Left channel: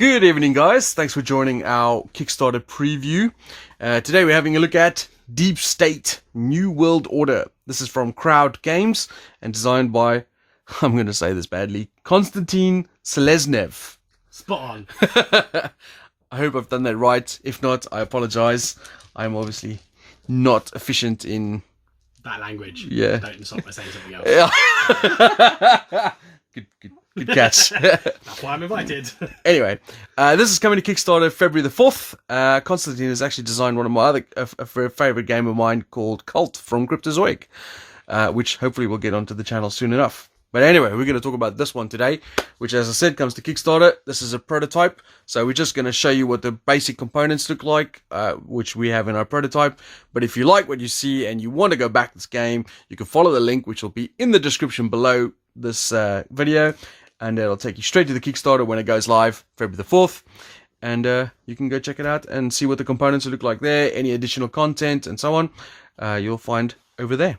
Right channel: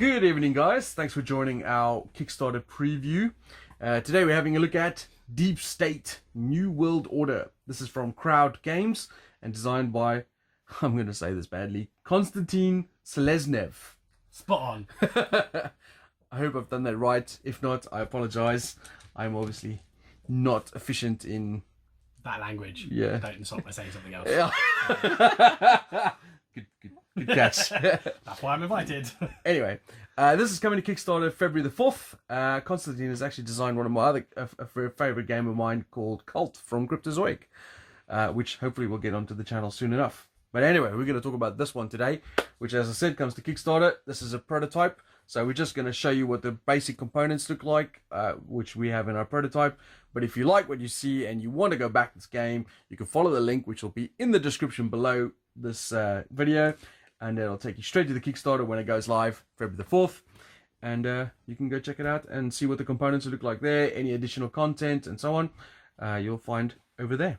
Good evening, guys. Thanks for joining our Kickstarter preview. Today we're having a look at Deep State New World Order. This is from Crowd Games and designed by, I'm going to say this badly, Konstantin Seleznev. Spot on. I hope I've done that right. If not, I apologize. I'm obviously not efficient in that language. Yeah. Don't insult by saying something else. Yeah. Good catch. That's why I'm invited. Anyway, this is coming to Kickstarter February the 4th. Konstantin has actually designed one of my other favorite game of mine called Cult from Cryptozoic, which hopefully we'll get onto the channel soon enough. But anyway, we're going to talk about this one today, which, as I said, comes to Kickstarter. This is a prototype, so we're just going to show you what the basic components look like, which we have in our prototype. But if you like what you see and you want to go back this game, you can follow the link, which will be in the description below this video, and it'll take you straight to the Kickstarter when it goes live, February the 4th. And you can go check it out and see what the components look like there, any additional content and so on, you'll find over there.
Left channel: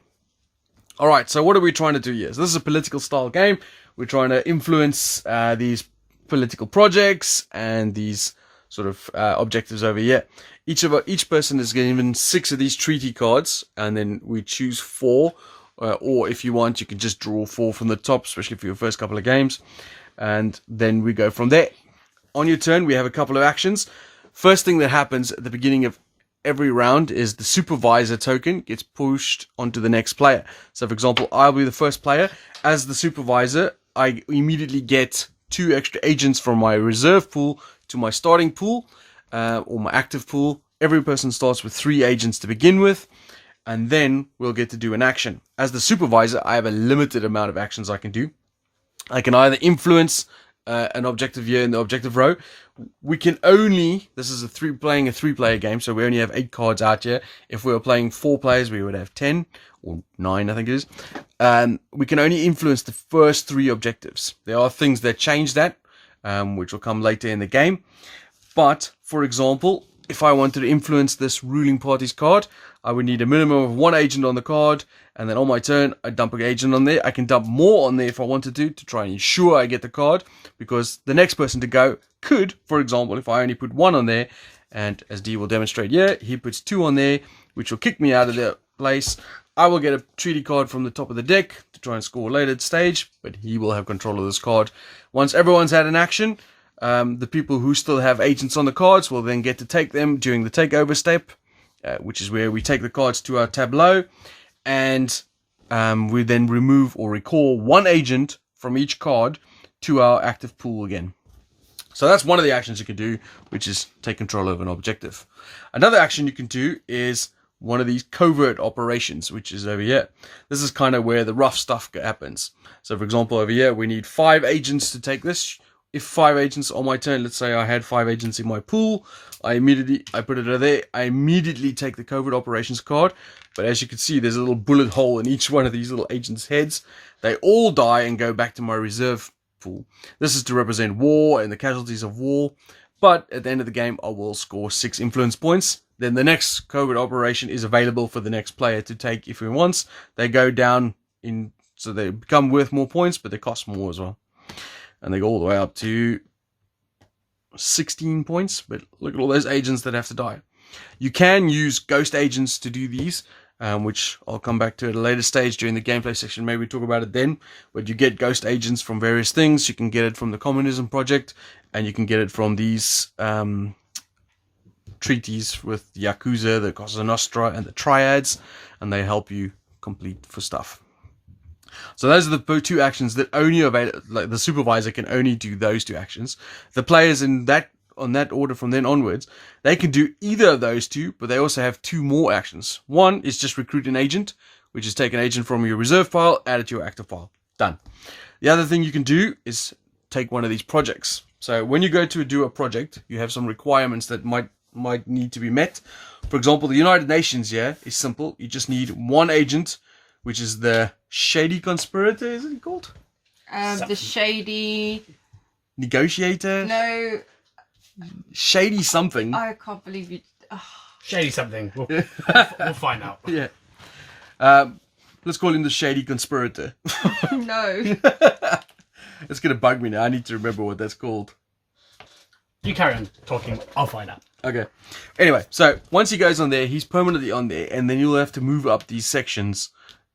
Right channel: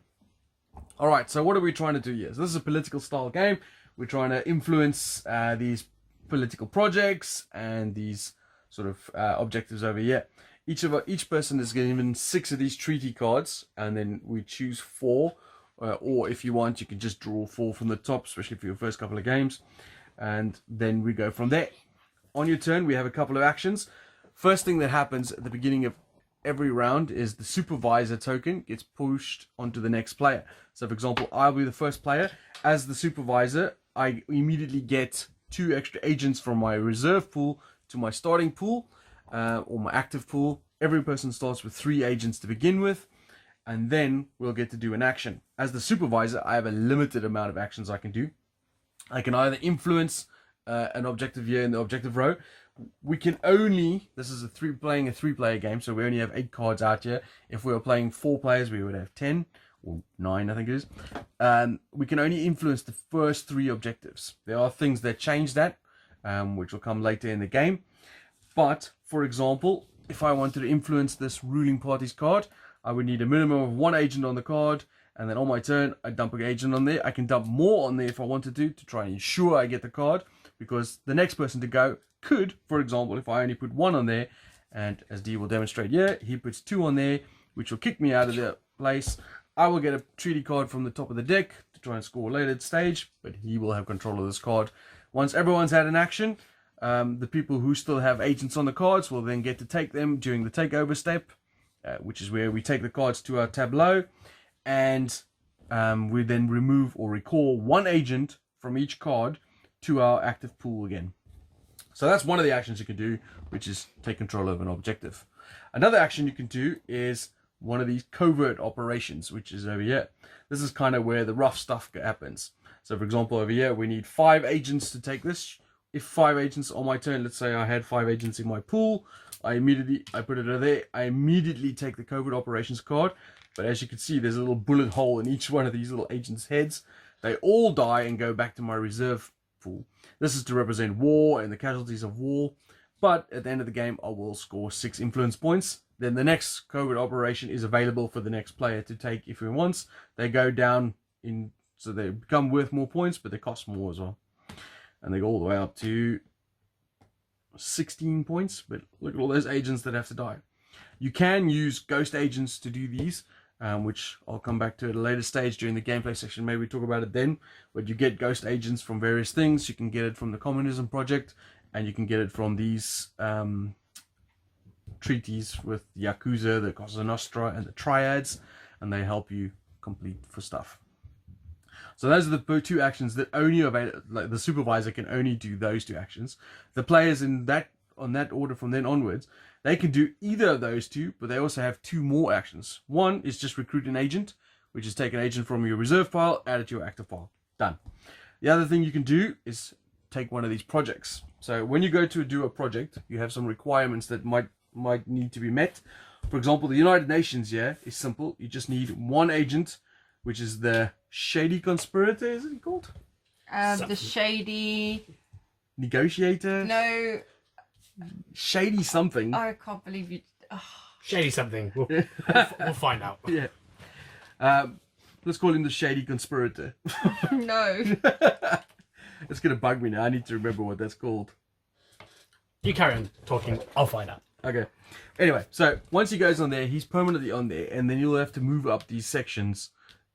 Alright, so what are we trying to do here? So this is a political style game. We're trying to influence these political projects and these sort of objectives over here. Each person is given 6 of these treaty cards, and then we choose 4. Or if you want, you can just draw 4 from the top, especially for your first couple of games. And then we go from there. On your turn, we have a couple of actions. First thing that happens at the beginning of every round is the supervisor token gets pushed onto the next player. So for example, I'll be the first player. As the supervisor, I immediately get 2 extra agents from my reserve pool to my starting pool, or my active pool. Every person starts with 3 agents to begin with, and then we'll get to do an action. As the supervisor, I have a limited amount of actions I can do. I can either influence an objective here in the objective row. We can only, this is playing a 3-player game, so we only have 8 cards out here. If we were playing 4 players, we would have 10 or 9, I think it is. We can only influence the first 3 objectives. There are things that change that, which will come later in the game. But for example, if I wanted to influence this ruling party's card, I would need a minimum of 1 agent on the card, and then on my turn, I dump an agent on there. I can dump more on there if I wanted to try and ensure I get the card, because the next person to go could, for example, if I only put 1 on there, and as D will demonstrate here, he puts 2 on there, which will kick me out of the place. I will get a treaty card from the top of the deck to try and score later at stage, but he will have control of this card. Once everyone's had an action, the people who still have agents on the cards will then get to take them during the takeover step, which is where we take the cards to our tableau, and we then remove or recall 1 agent from each card to our active pool again. So that's one of the actions you can do, which is take control of an objective. Another action you can do is one of these covert operations, which is over here. This is kind of where the rough stuff happens. So for example, over here, we need 5 agents to take this. If 5 agents on my turn, let's say I had 5 agents in my pool, I put it over there, I immediately take the Covert Operations card. But as you can see, there's a little bullet hole in each one of these little agents' heads. They all die and go back to my reserve pool. This is to represent war and the casualties of war. But at the end of the game, I will score 6 influence points. Then the next Covert Operation is available for the next player to take if he wants. They go down in, so they become worth more points, but they cost more as well. And they go all the way up to 16 points. But look at all those agents that have to die. You can use ghost agents to do these, which I'll come back to at a later stage during the gameplay section. Maybe talk about it then. But you get ghost agents from various things. You can get it from the Communism Project, and you can get it from these treaties with the Yakuza, the Cosa Nostra, and the Triads, and they help you complete for stuff. So those are the 2 actions that only available. Like the supervisor can only do those 2 actions. The players in that on that order from then onwards, they can do either of those 2, but they also have 2 more actions. One is just recruit an agent, which is take an agent from your reserve pile, add it to your active pile. Done. The other thing you can do is take one of these projects. So when you go to do a project, you have some requirements that might need to be met. For example, the United Nations here is simple. You just need 1 agent, which is the Shady Conspirator, is it called? The Shady... Negotiator? No. Shady something. I can't believe you... Oh. Shady something. We'll find out. Yeah. Let's call him the Shady Conspirator. No. It's going to bug me now. I need to remember what that's called. You carry on talking. I'll find out. Okay. Anyway, so once he goes on there, he's permanently on there, and then you'll have to move up these sections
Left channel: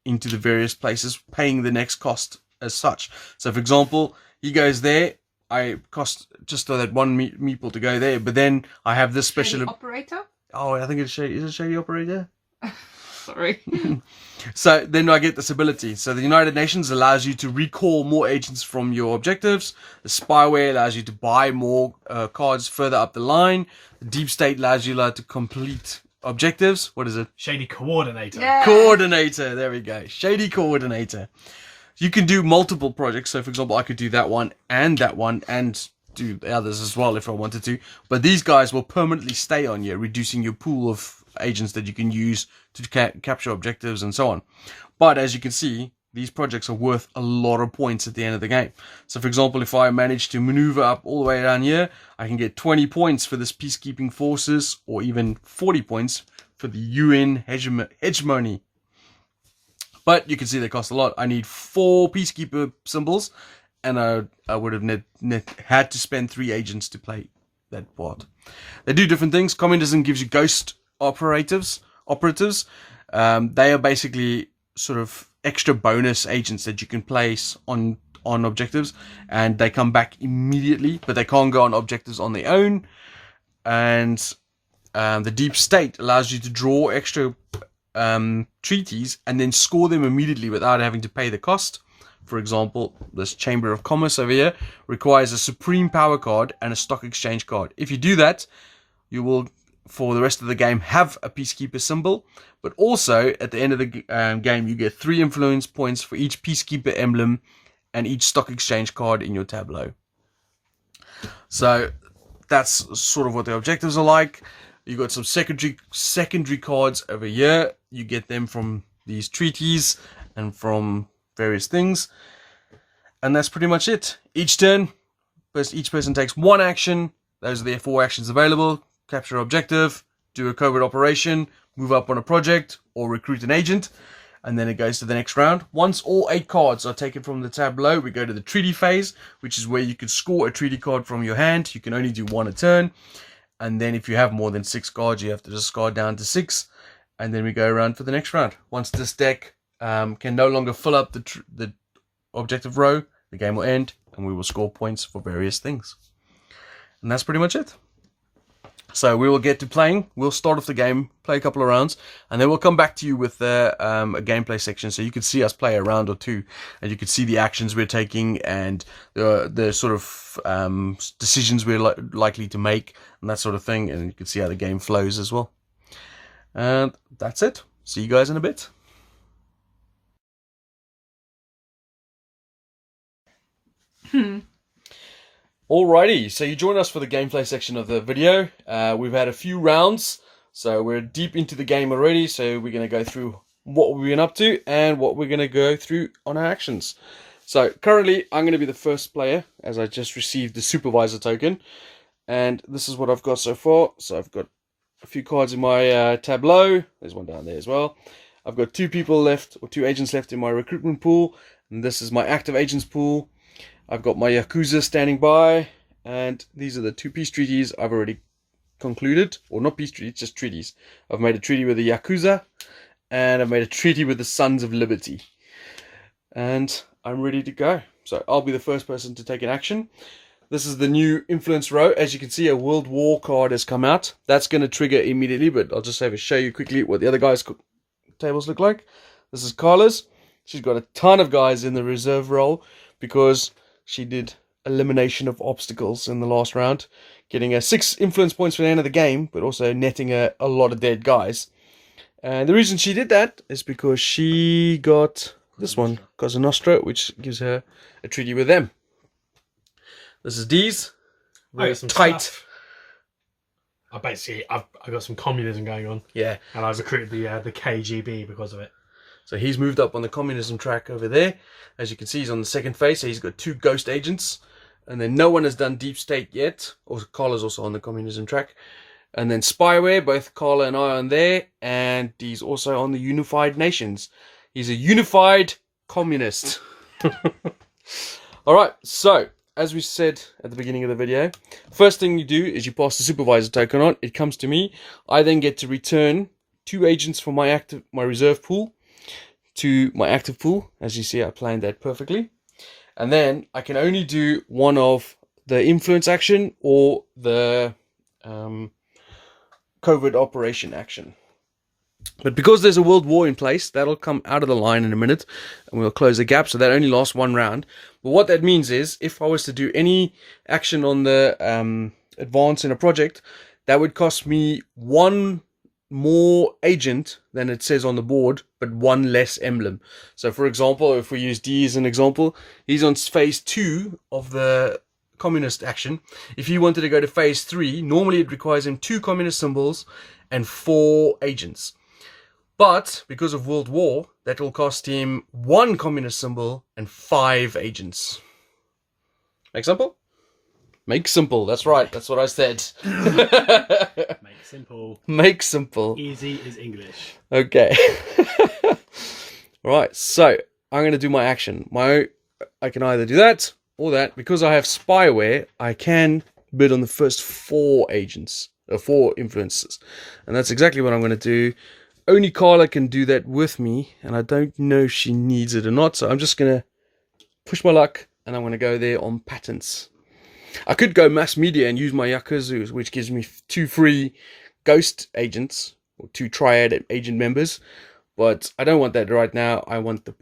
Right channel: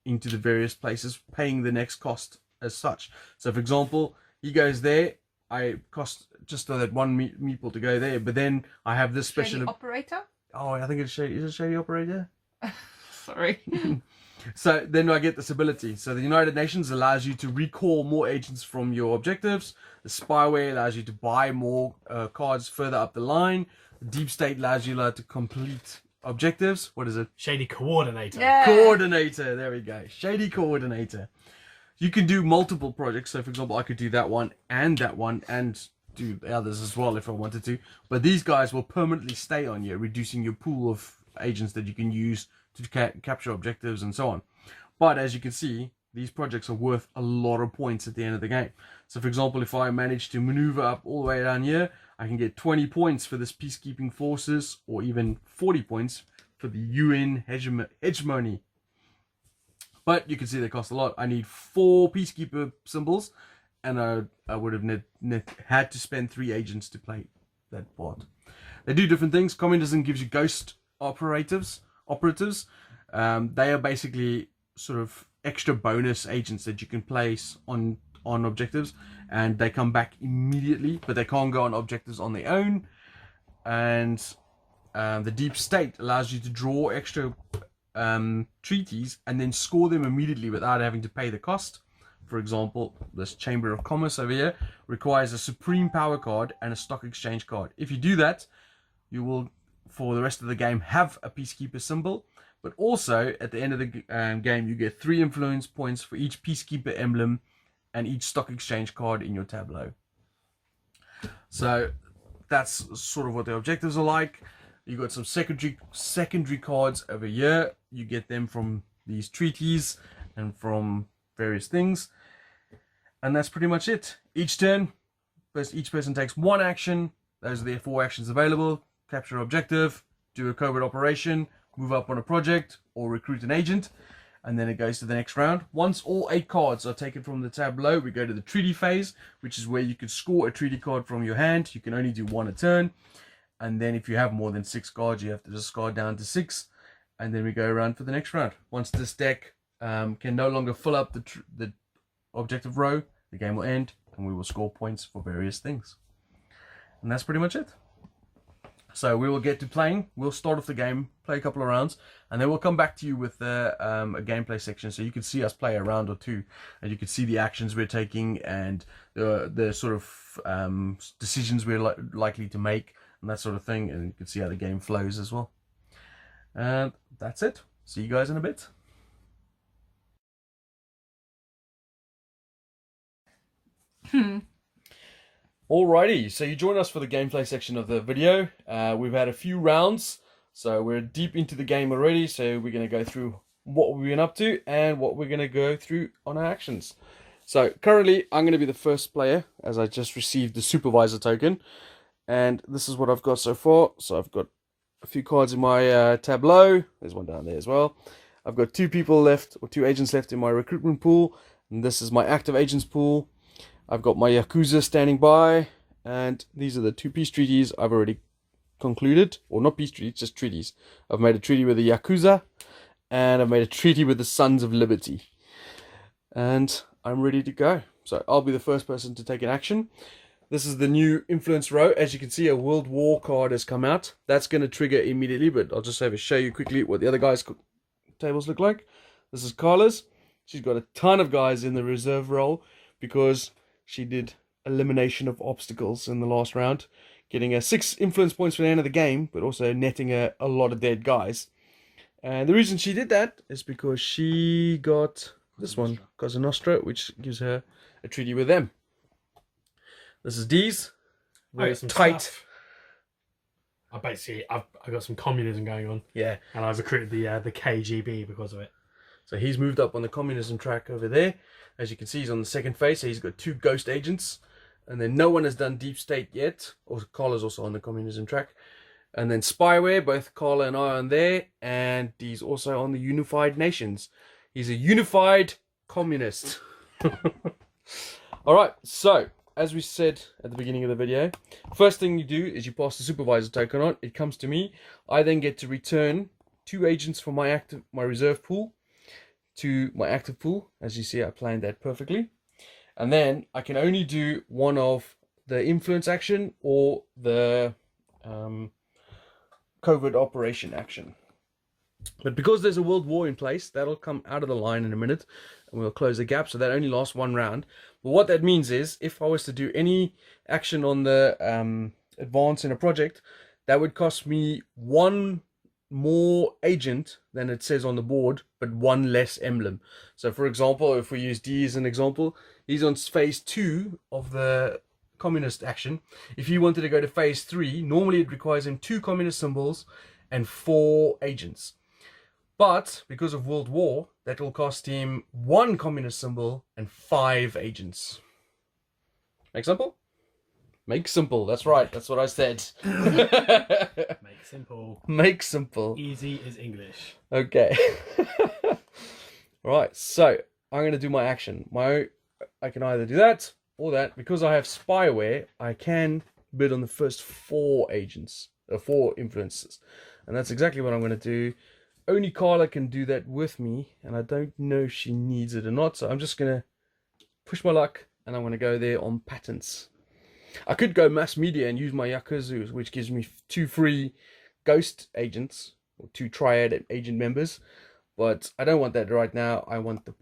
into the various places, paying the next cost as such. So, for example, he goes there. I cost just that one meeple to go there, but then I have this Shady special operator. Oh, I think it's shady. Is it shady operator? Sorry. So then I get this ability. So the United Nations allows you to recall more agents from your objectives. The spyware allows you to buy more cards further up the line. The deep state allows you to complete objectives. What is it? Shady coordinator. Yeah. Coordinator. There we go. Shady coordinator. You can do multiple projects. So for example, I could do that one and do the others as well if I wanted to. But these guys will permanently stay on you, reducing your pool of agents that you can use to capture objectives and so on. But as you can see, these projects are worth a lot of points at the end of the game. So for example, if I manage to maneuver up all the way down here, I can get 20 points for this peacekeeping forces, or even 40 points for the UN hegemony. But you can see they cost a lot. I need 4 peacekeeper symbols, and I would have had to spend 3 agents to play that part. They do different things. Communism gives you ghost operatives. They are basically sort of extra bonus agents that you can place on objectives, and they come back immediately, but they can't go on objectives on their own. And the deep state allows you to draw extra treaties and then score them immediately without having to pay the cost. For example, this Chamber of Commerce over here requires a Supreme Power card and a Stock Exchange card. If you do that, you will, for the rest of the game, have a Peacekeeper symbol. But also, at the end of the game, you get 3 influence points for each Peacekeeper emblem and each Stock Exchange card in your tableau. So, that's sort of what the objectives are like. You got some secondary cards over here. You get them from these treaties and from various things, and that's pretty much it. Each turn, each person takes 1 action. Those are their 4 actions available: capture objective, do a covert operation, move up on a project, or recruit an agent. And then it goes to the next round. Once all 8 cards are taken from the tableau, we go to the treaty phase, which is where you can score a treaty card from your hand. You can only do 1 a turn, and then if you have more than 6 cards, you have to discard down to 6, and then we go around for the next round. Once this deck can no longer fill up the objective row, the game will end, and we will score points for various things. And that's pretty much it. So we will get to playing. We'll start off the game, play a couple of rounds, and then we'll come back to you with a gameplay section, so you can see us play a round or 2, and you can see the actions we're taking and the sort of decisions we're likely to make and that sort of thing, and you can see how the game flows as well. And that's it. See you guys in a bit. Alrighty, so you join us for the gameplay section of the video. We've had a few rounds, so we're deep into the game already, so we're going to go through what we've been up to and what we're going to go through on our actions. So currently I'm going to be the first player, as I just received the supervisor token, and this is what I've got so far. So I've got a few cards in my tableau. There's one down there as well. I've got 2 people left, or 2 agents left in my recruitment pool, and this is my active agents pool. I've got my Yakuza standing by, and these are the 2 peace treaties I've already concluded. Or not peace treaties, just treaties. I've made a treaty with the Yakuza, and I've made a treaty with the Sons of Liberty. And I'm ready to go. So I'll be the first person to take an action. This is the new influence row. As you can see, a World War card has come out. That's going to trigger immediately, but I'll just show you quickly what the other guys' tables look like. This is Carla's. She's got a ton of guys in the reserve role because she did elimination of obstacles in the last round, getting 6 influence points for the end of the game, but also netting a lot of dead guys. And the reason she did that is because she got this one, Cosa Nostra, which gives her a treaty with them. This is D's. Very tight. I've got some communism going on. Yeah. And I've recruited the KGB because of it. So he's moved up on the communism track over there. As you can see, he's on the second phase, so he's got 2 ghost agents. And then no one has done deep state yet. Carla's also on the communism track. And then spyware, both Carla and I are on there. And he's also on the Unified Nations. He's a unified communist. Alright, so as we said at the beginning of the video, first thing you do is you pass the supervisor token on. It comes to me. I then get to return 2 agents from my reserve pool to my active pool. As you see, I planned that perfectly. And then I can only do one of the influence action or the covert operation action. But because there's a world war in place, that'll come out of the line in a minute, and we'll close the gap, so that only lasts 1 round. But what that means is, if I was to do any action on the advance in a project, that would cost me 1 more agent than it says on the board, but 1 less emblem. So for example, if we use D as an example, he's on phase 2 of the communist action. If he wanted to go to phase 3, normally it requires him 2 communist symbols and 4 agents. But because of World War, that will cost him 1 communist symbol and 5 agents. Make simple? Make simple. That's right. That's what I said. Make simple. Make simple. Easy is English. Okay. Right. So I'm going to do my action. I can either do that or that. Because I have spyware, I can bid on the first 4 agents, or 4 influences, and that's exactly what I'm going to do. Only Carla can do that with me, and I don't know if she needs it or not, so I'm just going to push my luck, and I'm going to go there on patents. I could go mass media and use my Yakuza, which gives me 2 free ghost agents, or 2 triad agent members, but I don't want that right now. I want the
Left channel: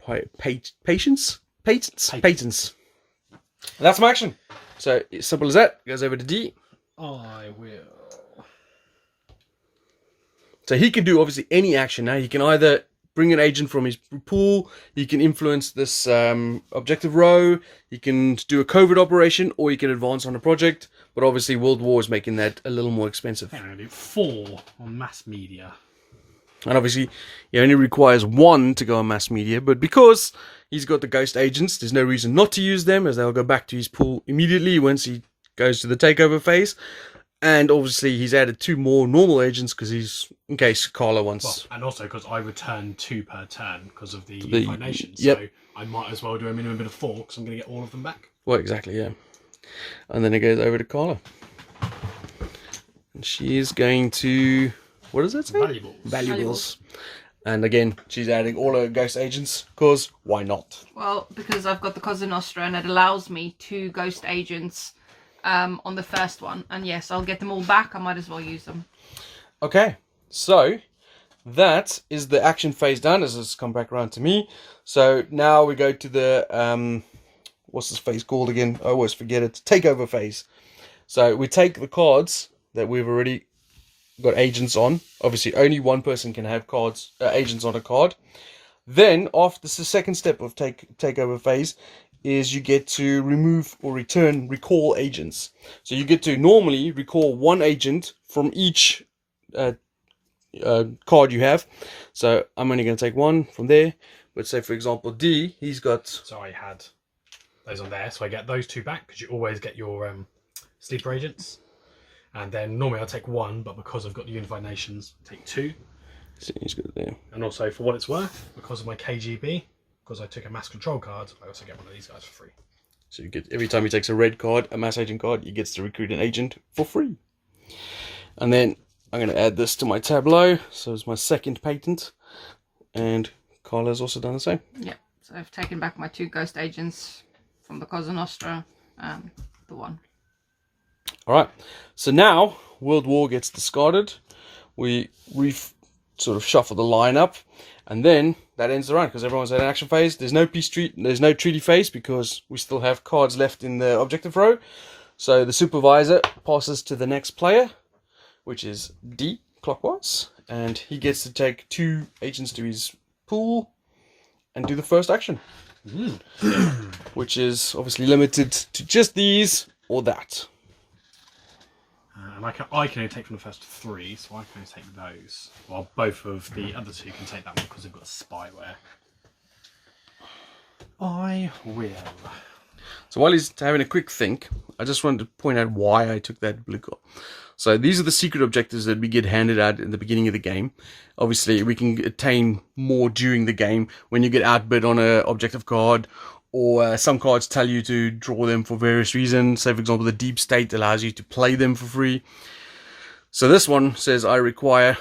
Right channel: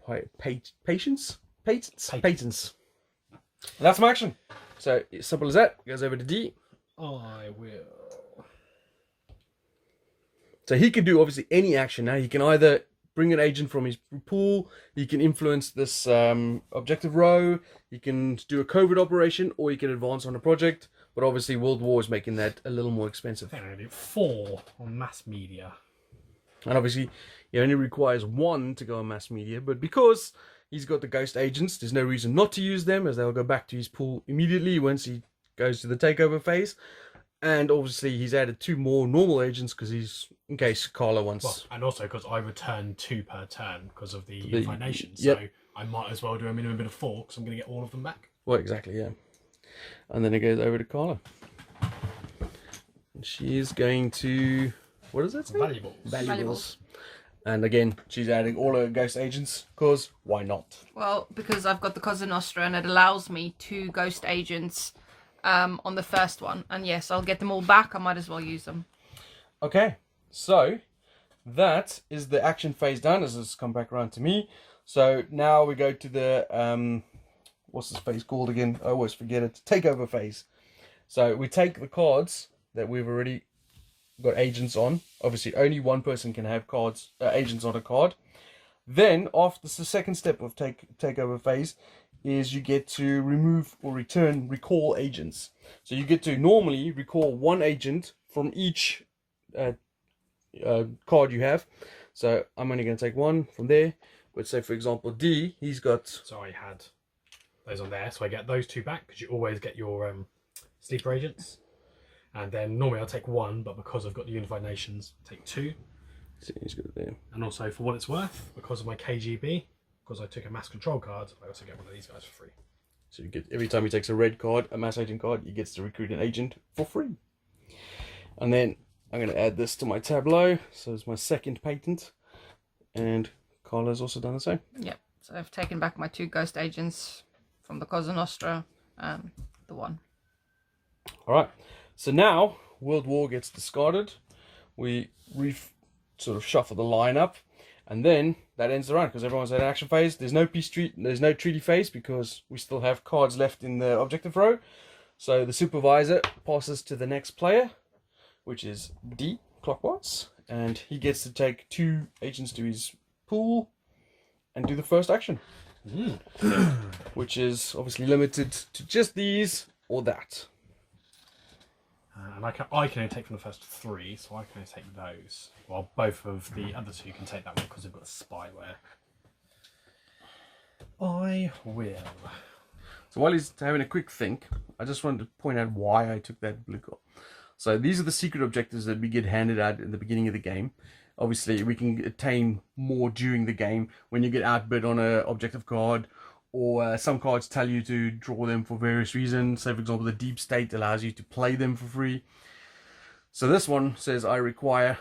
patents. That's my action. So, as simple as that. It goes over to D. I will. So he can do obviously any action now. He can either bring an agent from his pool, he can influence this objective row, he can do a covert operation, or he can advance on a project. But obviously World War is making that a little more expensive. I'm going to do 4 on mass media. And obviously he only requires 1 to go on mass media, but because he's got the ghost agents, there's no reason not to use them, as they'll go back to his pool immediately once he goes to the takeover phase. And obviously he's added 2 more normal agents because he's, in case Carla wants. Well, and also because I return 2 per turn because of the unification. Yep. So I might as well do a minimum bid of 4 because I'm going to get all of them back. Well, exactly, yeah. And then it goes over to Carla. And she is going to, what does that say? Valuables. And again, she's adding all her ghost agents because why not? Well, because I've got the Cosa Nostra and it allows me 2 ghost agents on the first one, and yes, I'll get them all back. I might as well use them. Okay, so that is the action phase done, as it's come back around to me. So now we go to the what's this phase called again? I always forget it. Takeover phase. So we take the cards that we've already got agents on. Obviously only 1 person can have cards agents on a card. Then after the second step of takeover phase is you get to remove or recall agents. So you get to normally recall 1 agent from each card you have. So I'm only going to take 1 from there. But say for example D, he's got. So I had those on there, so I get those 2 back because you always get your sleeper agents. And then normally I'll take 1, but because I've got the unified nations, take 2. So he's got it there. And also for what it's worth, because of my KGB, because I took a mass control card, I also get one of these guys for free. So you get, every time he takes a red card, a mass agent card, he gets to recruit an agent for free. And then I'm going to add this to my tableau. So it's my second patent. And Carla's also done the same. Yeah, so I've taken back my 2 ghost agents from the Cosa Nostra and the 1. Alright, so now World War gets discarded. We sort of shuffle the line up. And then that ends the round because everyone's at an action phase. There's no there's no treaty phase because we still have cards left in the objective row. So the supervisor passes to the next player, which is D, clockwise. And he gets to take 2 agents to his pool and do the first action. Which is obviously limited to just these or that. And I can only take from the first 3, so I can only take those. While both of the other 2 can take that one because they've got spyware. I will. So while he's having a quick think, I just wanted to point out why I took that blue card. So these are the secret objectives that we get handed out in the beginning of the game. Obviously, we can attain more during the game when you get outbid on an objective card, or some cards tell you to draw them for various reasons. Say, for example, the Deep State allows you to play them for free. So this one says I require,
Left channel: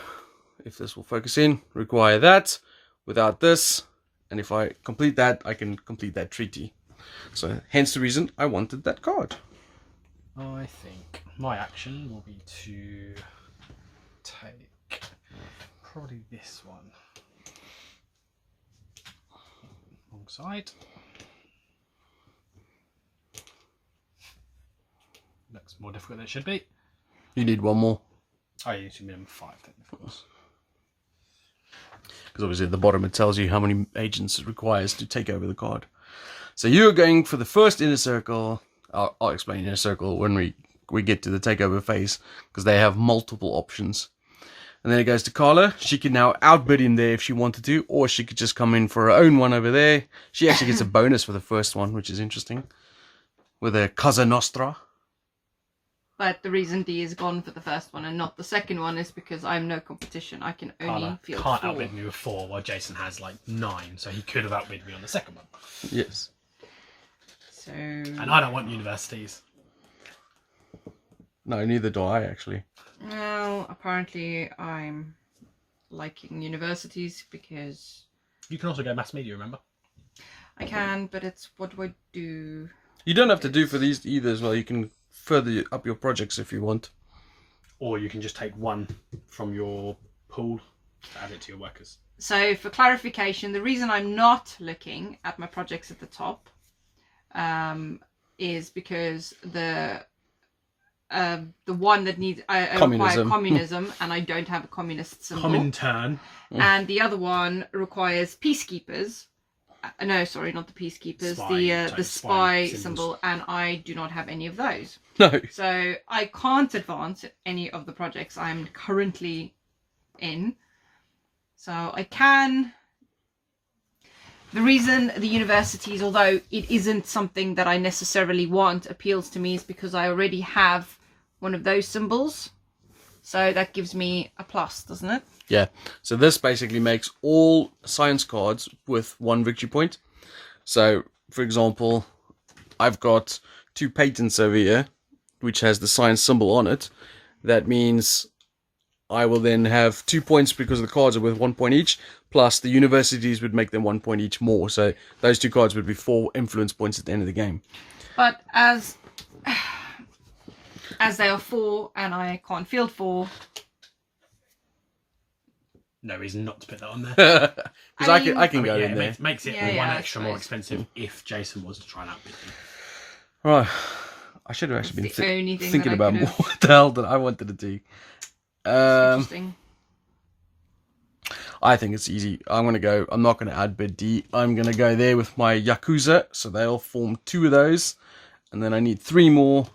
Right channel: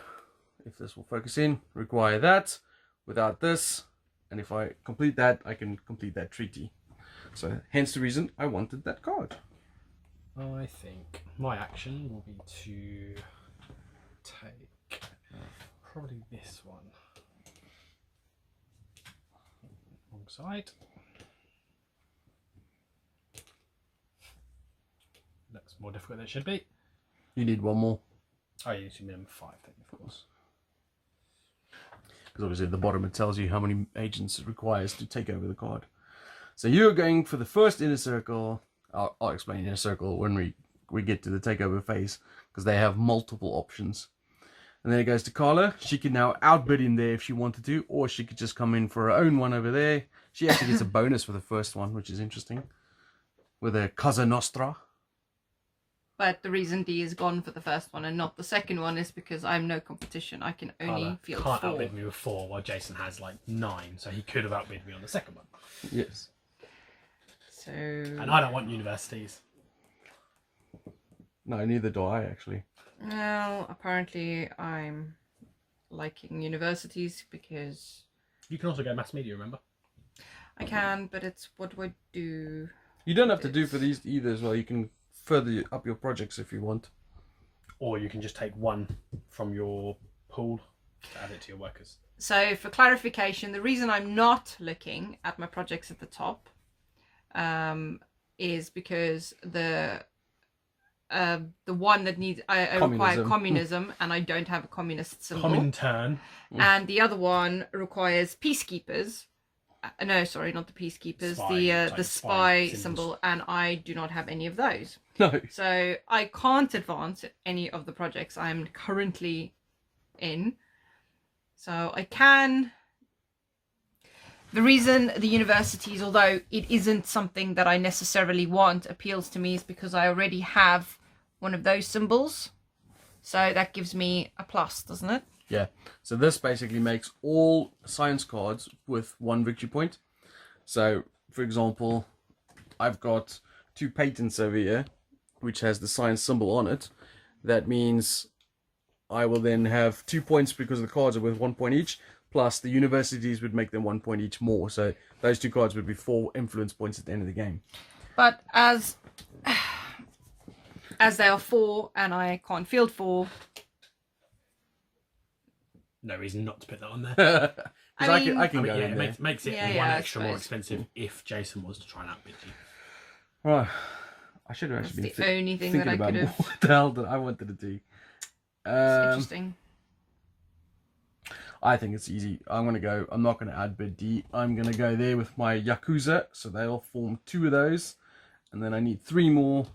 if this will focus in, require that without this. And if I complete that, I can complete that treaty. So hence the reason I wanted that card. I think my action will be to take probably this one alongside. Looks more difficult than it should be. You need one more. Oh, you need minimum 5 then, of course. Because obviously at the bottom it tells you how many agents it requires to take over the card. So you're going for the first inner circle. I'll explain inner circle when we get to the takeover phase, because they have multiple options. And then it goes to Carla. She can now outbid him there if she wanted to, or she could just come in for her own one over there. She actually gets a bonus for the first one, which is interesting, with a Cosa Nostra. But the reason D is gone for the first one and not the second one is because I'm no competition. I can only Carla field can't 4. outbid me with 4, while Jason has like 9, so he could have outbid me on the second one. Yes. So. And I don't want universities. No, neither do I, actually. Well, apparently I'm liking universities because You can also go mass media, remember? I can, but it's what do I do? You don't have to do for these either as well. You can further up your projects if you want. Or you can just take one from your pool to add it to your workers. So for clarification, the reason I'm not looking at my projects at the top is because the one that needs I require communism and I don't have a communist symbol. Comintern. And the other one requires peacekeepers. No, sorry, not the peacekeepers. The spy symbol, and I do not have any of those. No. So I can't advance any of the projects I'm currently in. So I can. The reason the universities, although it isn't something that I necessarily want, appeals to me is because I already have one of those symbols. So that gives me a plus, doesn't it? Yeah. So this basically makes all science cards with 1 victory point. So, for example, I've got 2 patents over here, which has the science symbol on it. That means I will then have 2 points because the cards are worth 1 point each, plus the universities would make them 1 point each more. So those 2 cards would be 4 influence points at the end of the game. But as they are 4 and I can't field 4. No reason not to put that on there. Because I can go in there. It makes it one extra more expensive if Jason was to try and outbid him. Right. I should have actually That's been thinking about what the hell that I wanted to do. Interesting. I think it's easy. I'm not going to outbid D. I'm going to go there with my Yakuza. So they'll form 2 of those. And then I need 3 more.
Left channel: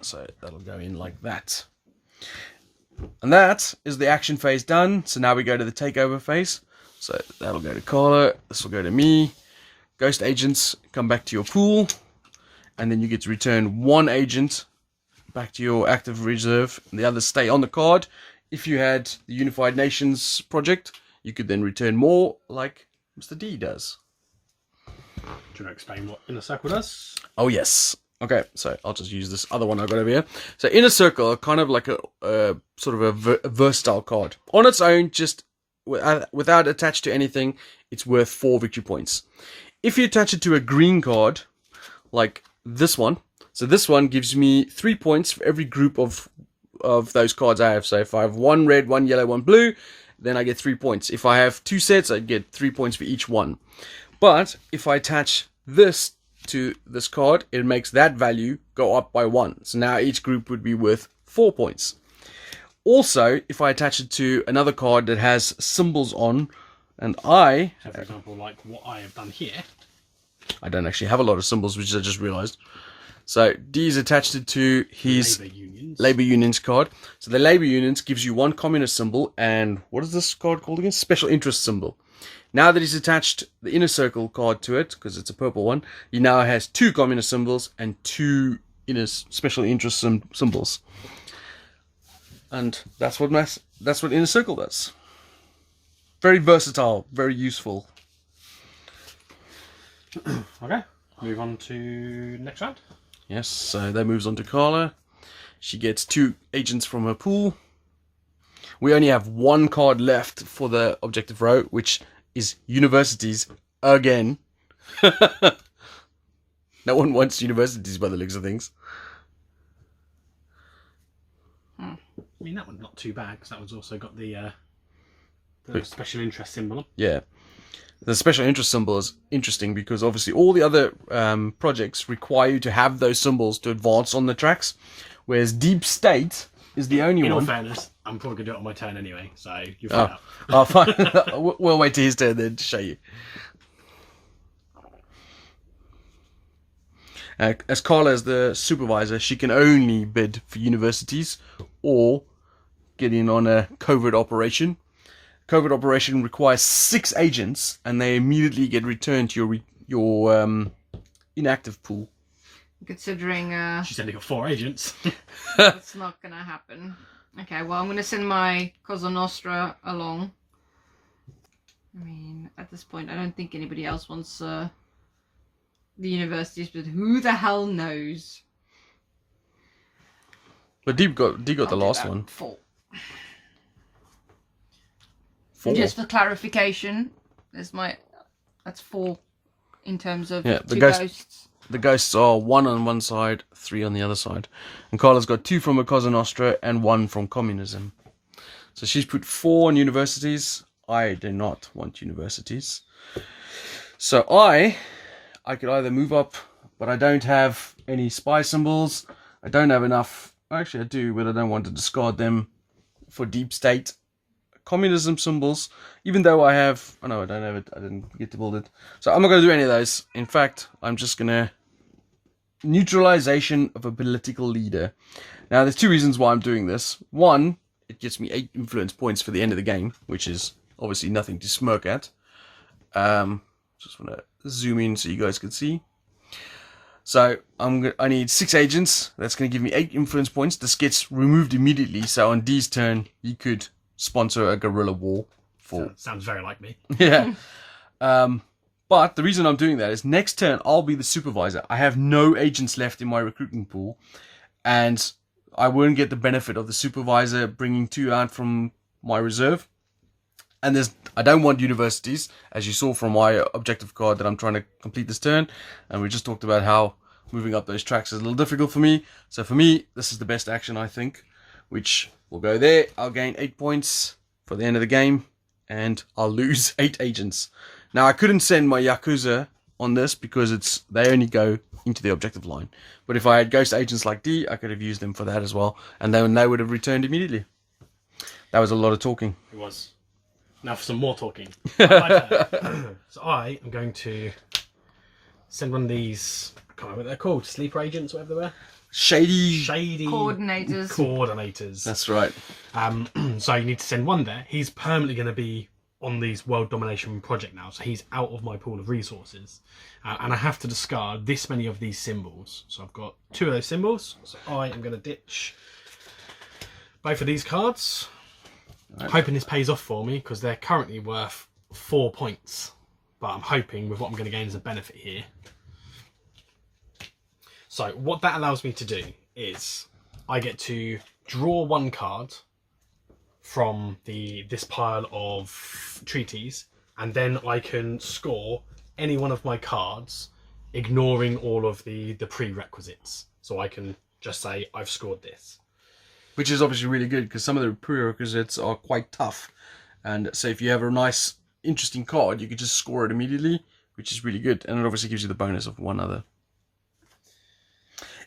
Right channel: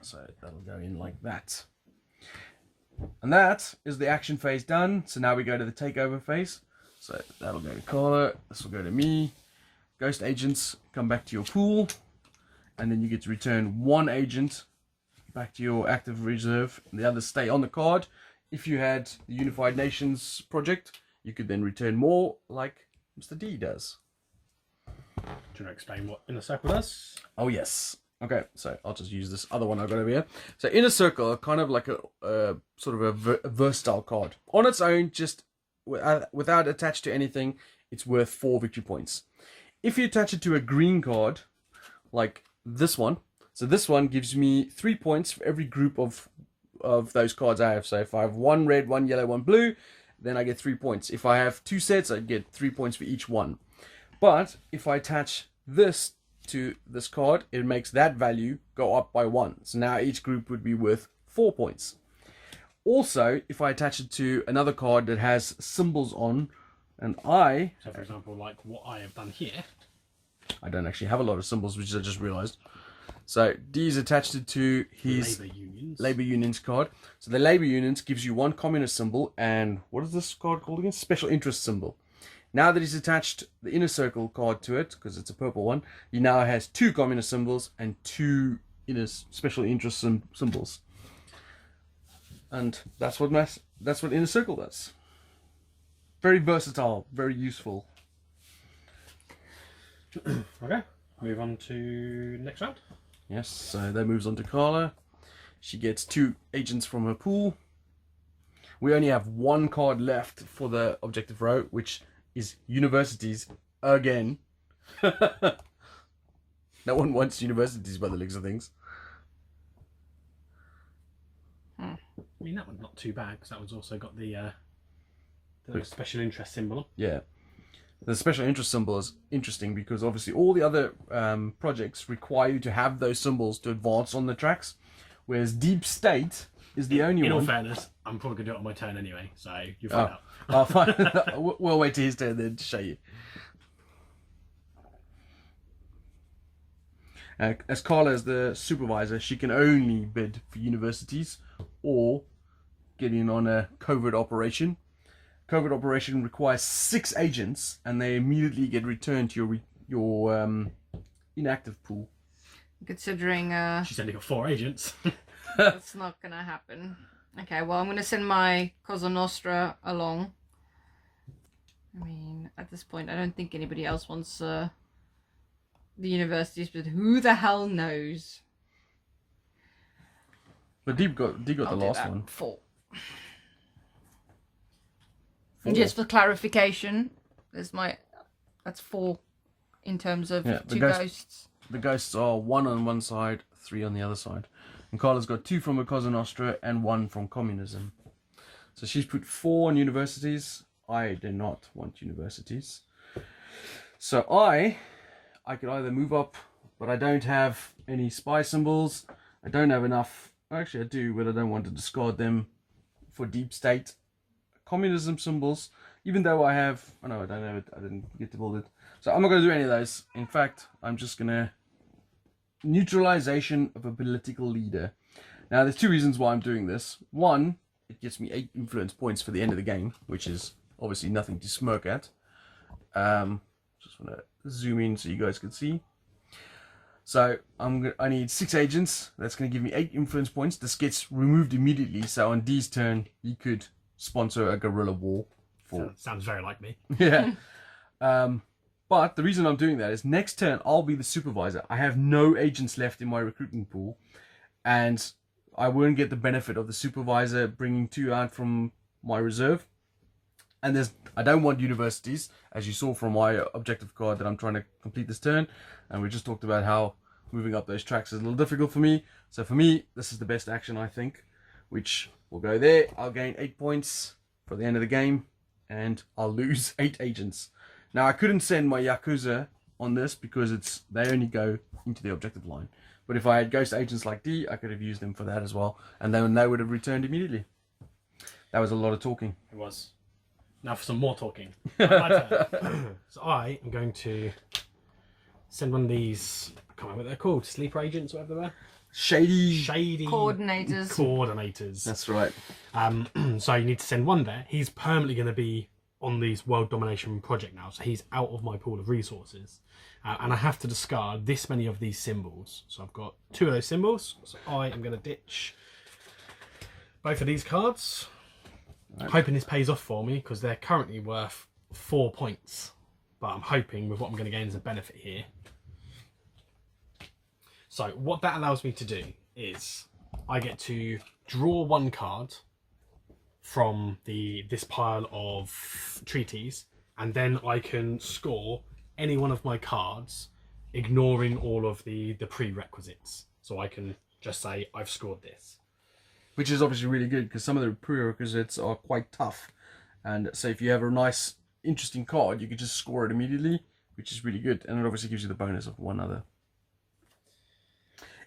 So that'll go in like that. And that is the action phase done. So now we go to the takeover phase. So that'll go to Carla. This will go to me. Ghost agents, come back to your pool. And then you get to return 1 agent back to your active reserve. And the others stay on the card. If you had the Unified Nations project, you could then return more like Mr. D does. Do you want to explain what Inner Circle does? Oh, yes. Okay, so I'll just use this other one I've got over here. So Inner Circle are kind of like a sort of a versatile card. On its own, just without attached to anything, it's worth 4 victory points. If you attach it to a green card, like this one, so this one gives me 3 points for every group of those cards I have. So if I have 1 red, 1 yellow, 1 blue, then I get 3 points. If I have 2 sets, I get 3 points for each one. But if I attach this to this card, it makes that value go up by 1. So now each group would be worth 4 points. Also, if I attach it to another card that has symbols on, and so for example, like what I have done here. I don't actually have a lot of symbols, which I just realized. So D's attached it to his Labor Unions card. So the Labor Unions gives you 1 communist symbol, and what is this card called again? Special interest symbol. Now that he's attached the Inner Circle card to it, because it's a purple one, he now has 2 communist symbols and 2 special interest symbols. And that's what Inner Circle does. Very versatile, very useful. Okay. move on to next round. Yes, so that moves on to Carla. She gets 2 agents from her pool. We only have 1 card left for the objective row, which is universities again. No one wants universities by the looks of things. I mean, that one's not too bad because that one's also got the special interest symbol on. Yeah. The special interest symbol is interesting because obviously all the other projects require you to have those symbols to advance on the tracks, whereas Deep State is the only In one. all fairness, I'm probably going to do it on my turn anyway, so you'll find out. Oh, fine. We'll wait till his turn then to show you. As Carla is the supervisor, she can only bid for universities or get in on a covert operation. Covert operation requires 6 agents, and they immediately get returned to your inactive pool. Considering She's only got 4 agents. that's not gonna happen. Okay, well, I'm gonna send my Cosa Nostra along. I mean, at this point, I don't think anybody else wants the universities, but who the hell knows? But Deep got the last one. 4. 4. Just for clarification, that's 4 in terms of Yeah, 2 ghosts. The ghosts are 1 on one side, 3 on the other side. And Carla's got 2 from a Cosa Nostra and 1 from communism. So she's put 4 on universities. I do not want universities. So I could either move up, but I don't have any spy symbols. I don't have enough. Actually, I do, but I don't want to discard them for Deep State. Communism symbols, even though I have... Oh no, I don't have it. I didn't get to build it. So I'm not going to do any of those. In fact, I'm just going to... Neutralization of a political leader. Now, there's 2 reasons why I'm doing this. 1, it gets me 8 influence points for the end of the game, which is obviously nothing to smirk at. Just want to zoom in so you guys can see. So I need 6 agents. That's going to give me 8 influence points. This gets removed immediately. So on D's turn, he could sponsor a guerrilla war. Sounds very like me. Yeah. But the reason I'm doing that is next turn I'll be the supervisor. I have no agents left in my recruiting pool, and I won't get the benefit of the supervisor bringing 2 out from my reserve. And I don't want universities, as you saw from my objective card that I'm trying to complete this turn. And we just talked about how moving up those tracks is a little difficult for me. So for me, this is the best action, I think, which will go there. I'll gain 8 points for the end of the game, and I'll lose 8 agents. Now, I couldn't send my Yakuza on this because they only go into the objective line. But if I had ghost agents like D, I could have used them for that as well. And then they would have returned immediately. That was a lot of talking. It was. Now for some more talking. My turn. So I am going to send one of these, I can't remember what they're called, sleeper agents, whatever they were. Shady Coordinators. That's right. So you need to send one there. He's permanently going to be on these world domination project now, so he's out of my pool of resources. And I have to discard this many of these symbols. So I've got 2 of those symbols. So I am going to ditch both of these cards. Right. Hoping this pays off for me because they're currently worth 4 points. But I'm hoping with what I'm going to gain as a benefit here. So what that allows me to do is I get to draw 1 card from this pile of treaties, and then I can score any one of my cards, ignoring all of the prerequisites. So I can just say I've scored this. Which is obviously really good because some of the prerequisites are quite tough. And so if you have a nice, interesting card, you can just score it immediately, which is really good. And it obviously gives you the bonus of 1 other.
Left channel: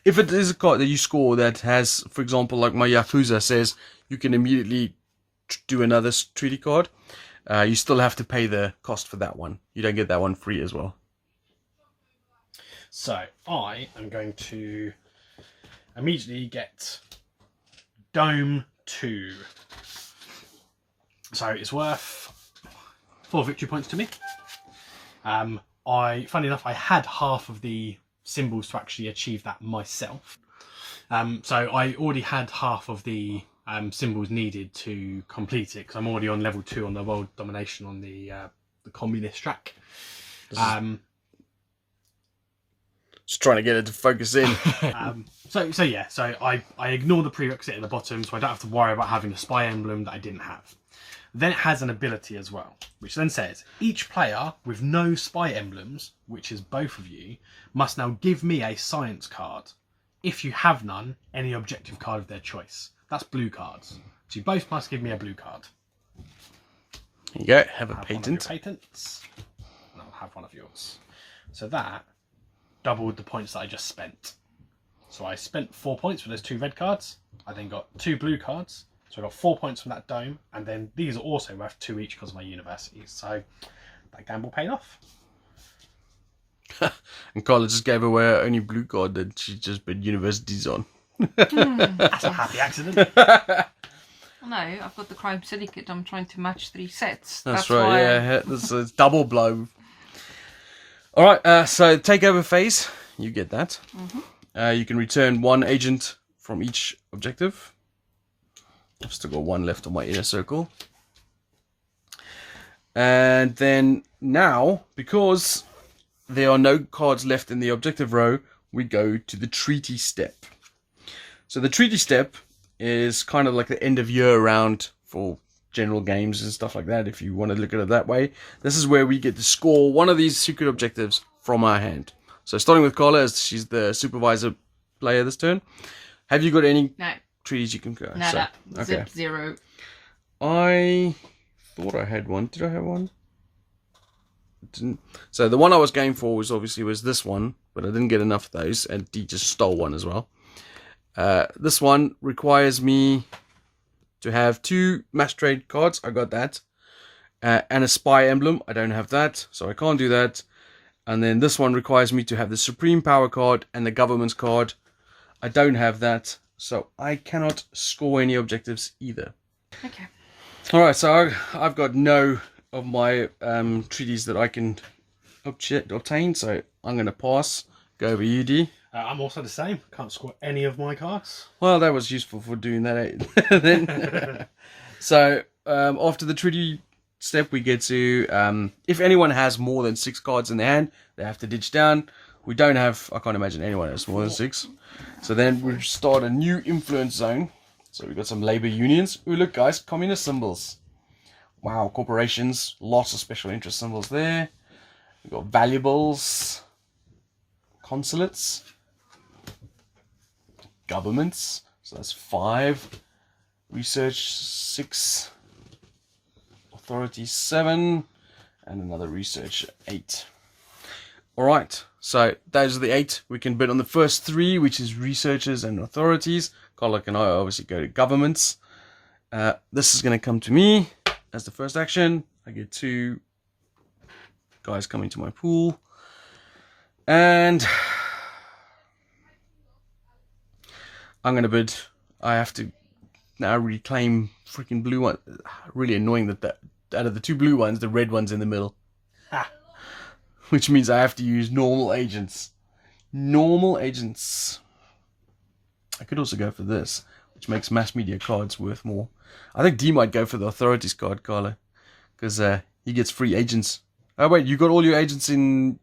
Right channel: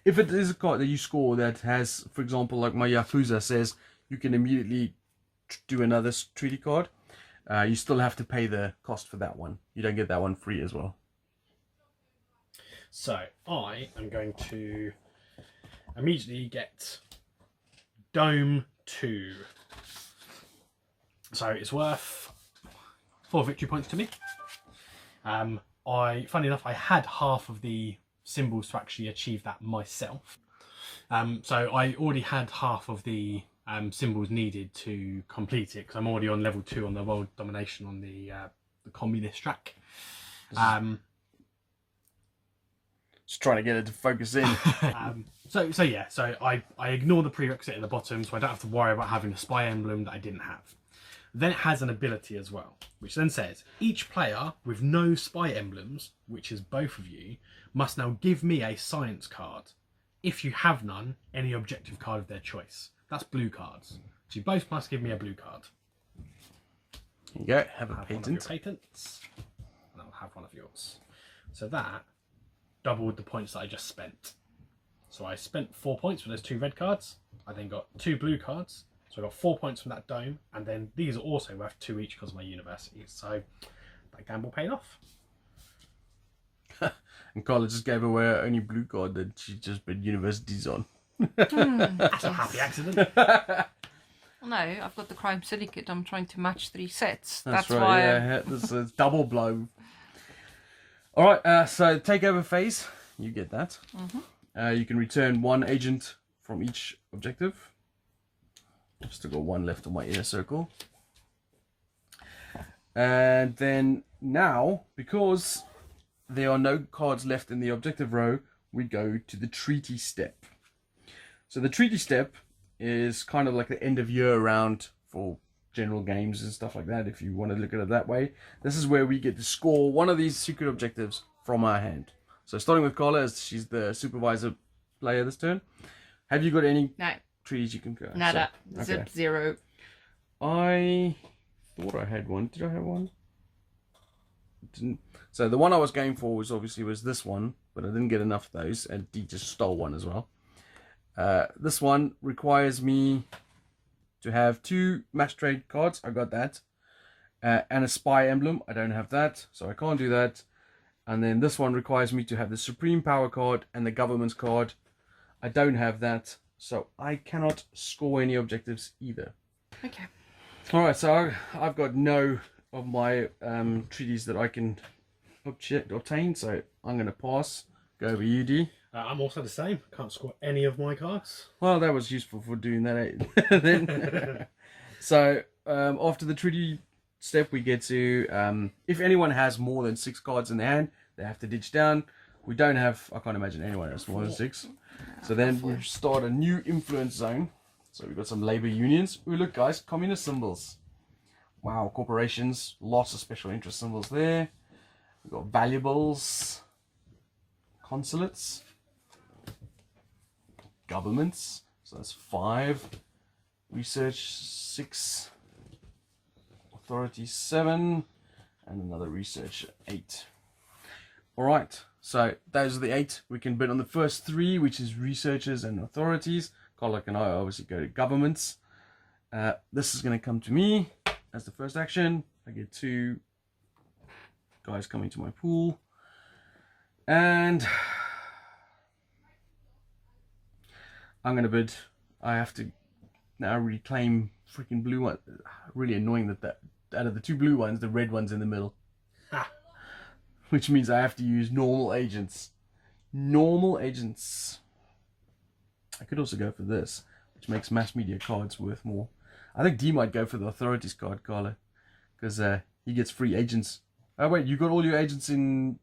If it is a card that you score that has, for example, like my Yakuza says, you can immediately do another treaty card, you still have to pay the cost for that one. You don't get that one free as well. So I am going to immediately get Dome 2. So it's worth 4 victory points to me. Funny enough, I had half of the symbols to actually achieve that myself. So I already had half of the symbols needed to complete it because I'm already on level 2 on the world domination on the communist track. Just trying to get it to focus in. So I ignore the prerequisite at the bottom, so I don't have to worry about having a spy emblem that I didn't have. Then it has an ability as well, which then says, each player with no spy emblems, which is both of you, must now give me a science card. If you have none, any objective card of their choice. That's blue cards. So you both must give me a blue card. Here you go, have a I'll have one of patent. your patents, and I'll have one of yours. So that doubled the points that I just spent. So I spent 4 points for those 2 red cards. I then got 2 blue cards. So I got 4 points from that dome. And then these are also worth 2 each because of my universities. So that gamble paid off. And Carla just gave away her only blue card that she just put universities on. That's a happy accident. No, I've got the Crime Syndicate. I'm trying to match 3 sets. That's right, why yeah. That's a double blow. Alright, so Takeover Face. You get that. You can return 1 agent from each objective. I've still got 1 left on my inner circle. And then now, because there are no cards left in the objective row, we go to the treaty step. So the treaty step is kind of like the end of year round for general games and stuff like that, if you want to look at it that way. This is where we get to score one of these secret objectives from our hand. So starting with Carla, as she's the supervisor player this turn. Have you got any treaties you can go? Nada. So, okay. Zip 0. I thought I had one. Did I have one? Didn't. So the one I was going for was this one, but I didn't get enough of those, and Dee just stole one as well. This one requires me to have 2 mass trade cards. I got that. And a spy emblem. I don't have that, so I can't do that. And then this one requires me to have the Supreme Power card and the Government's card. I don't have that, so I cannot score any objectives either. Okay. Alright, so I've got no of my treaties that I can obtain, so I'm going to pass. Go over UD. I'm also the same. Can't score any of my cards. Well, that was useful for doing that. Then. So, after the treaty step, we get to, if anyone has more than 6 cards in their hand, they have to ditch down. We don't have, I can't imagine anyone has more than 6. So then we start a new influence zone. So we've got some labor unions. Ooh, look guys, communist symbols. Wow, corporations, lots of special interest symbols there. We've got valuables, consulates, governments. So that's 5. Research 6. Authority 7. And another research 8. Alright, so those are the 8. We can bid on the first 3, which is researchers and authorities. Carla and I obviously go to governments. This is going to come to me as the first action. I get 2 guys coming to my pool. And I'm going to bid. I have to now reclaim freaking blue one. Really annoying that out of the 2 blue ones, the red one's in the middle. Which means I have to use normal agents. Normal agents. I could also go for this, which makes mass media cards worth more. I think D might go for the authorities card, Carla. Because he gets free agents. Oh wait, you got all your agents in...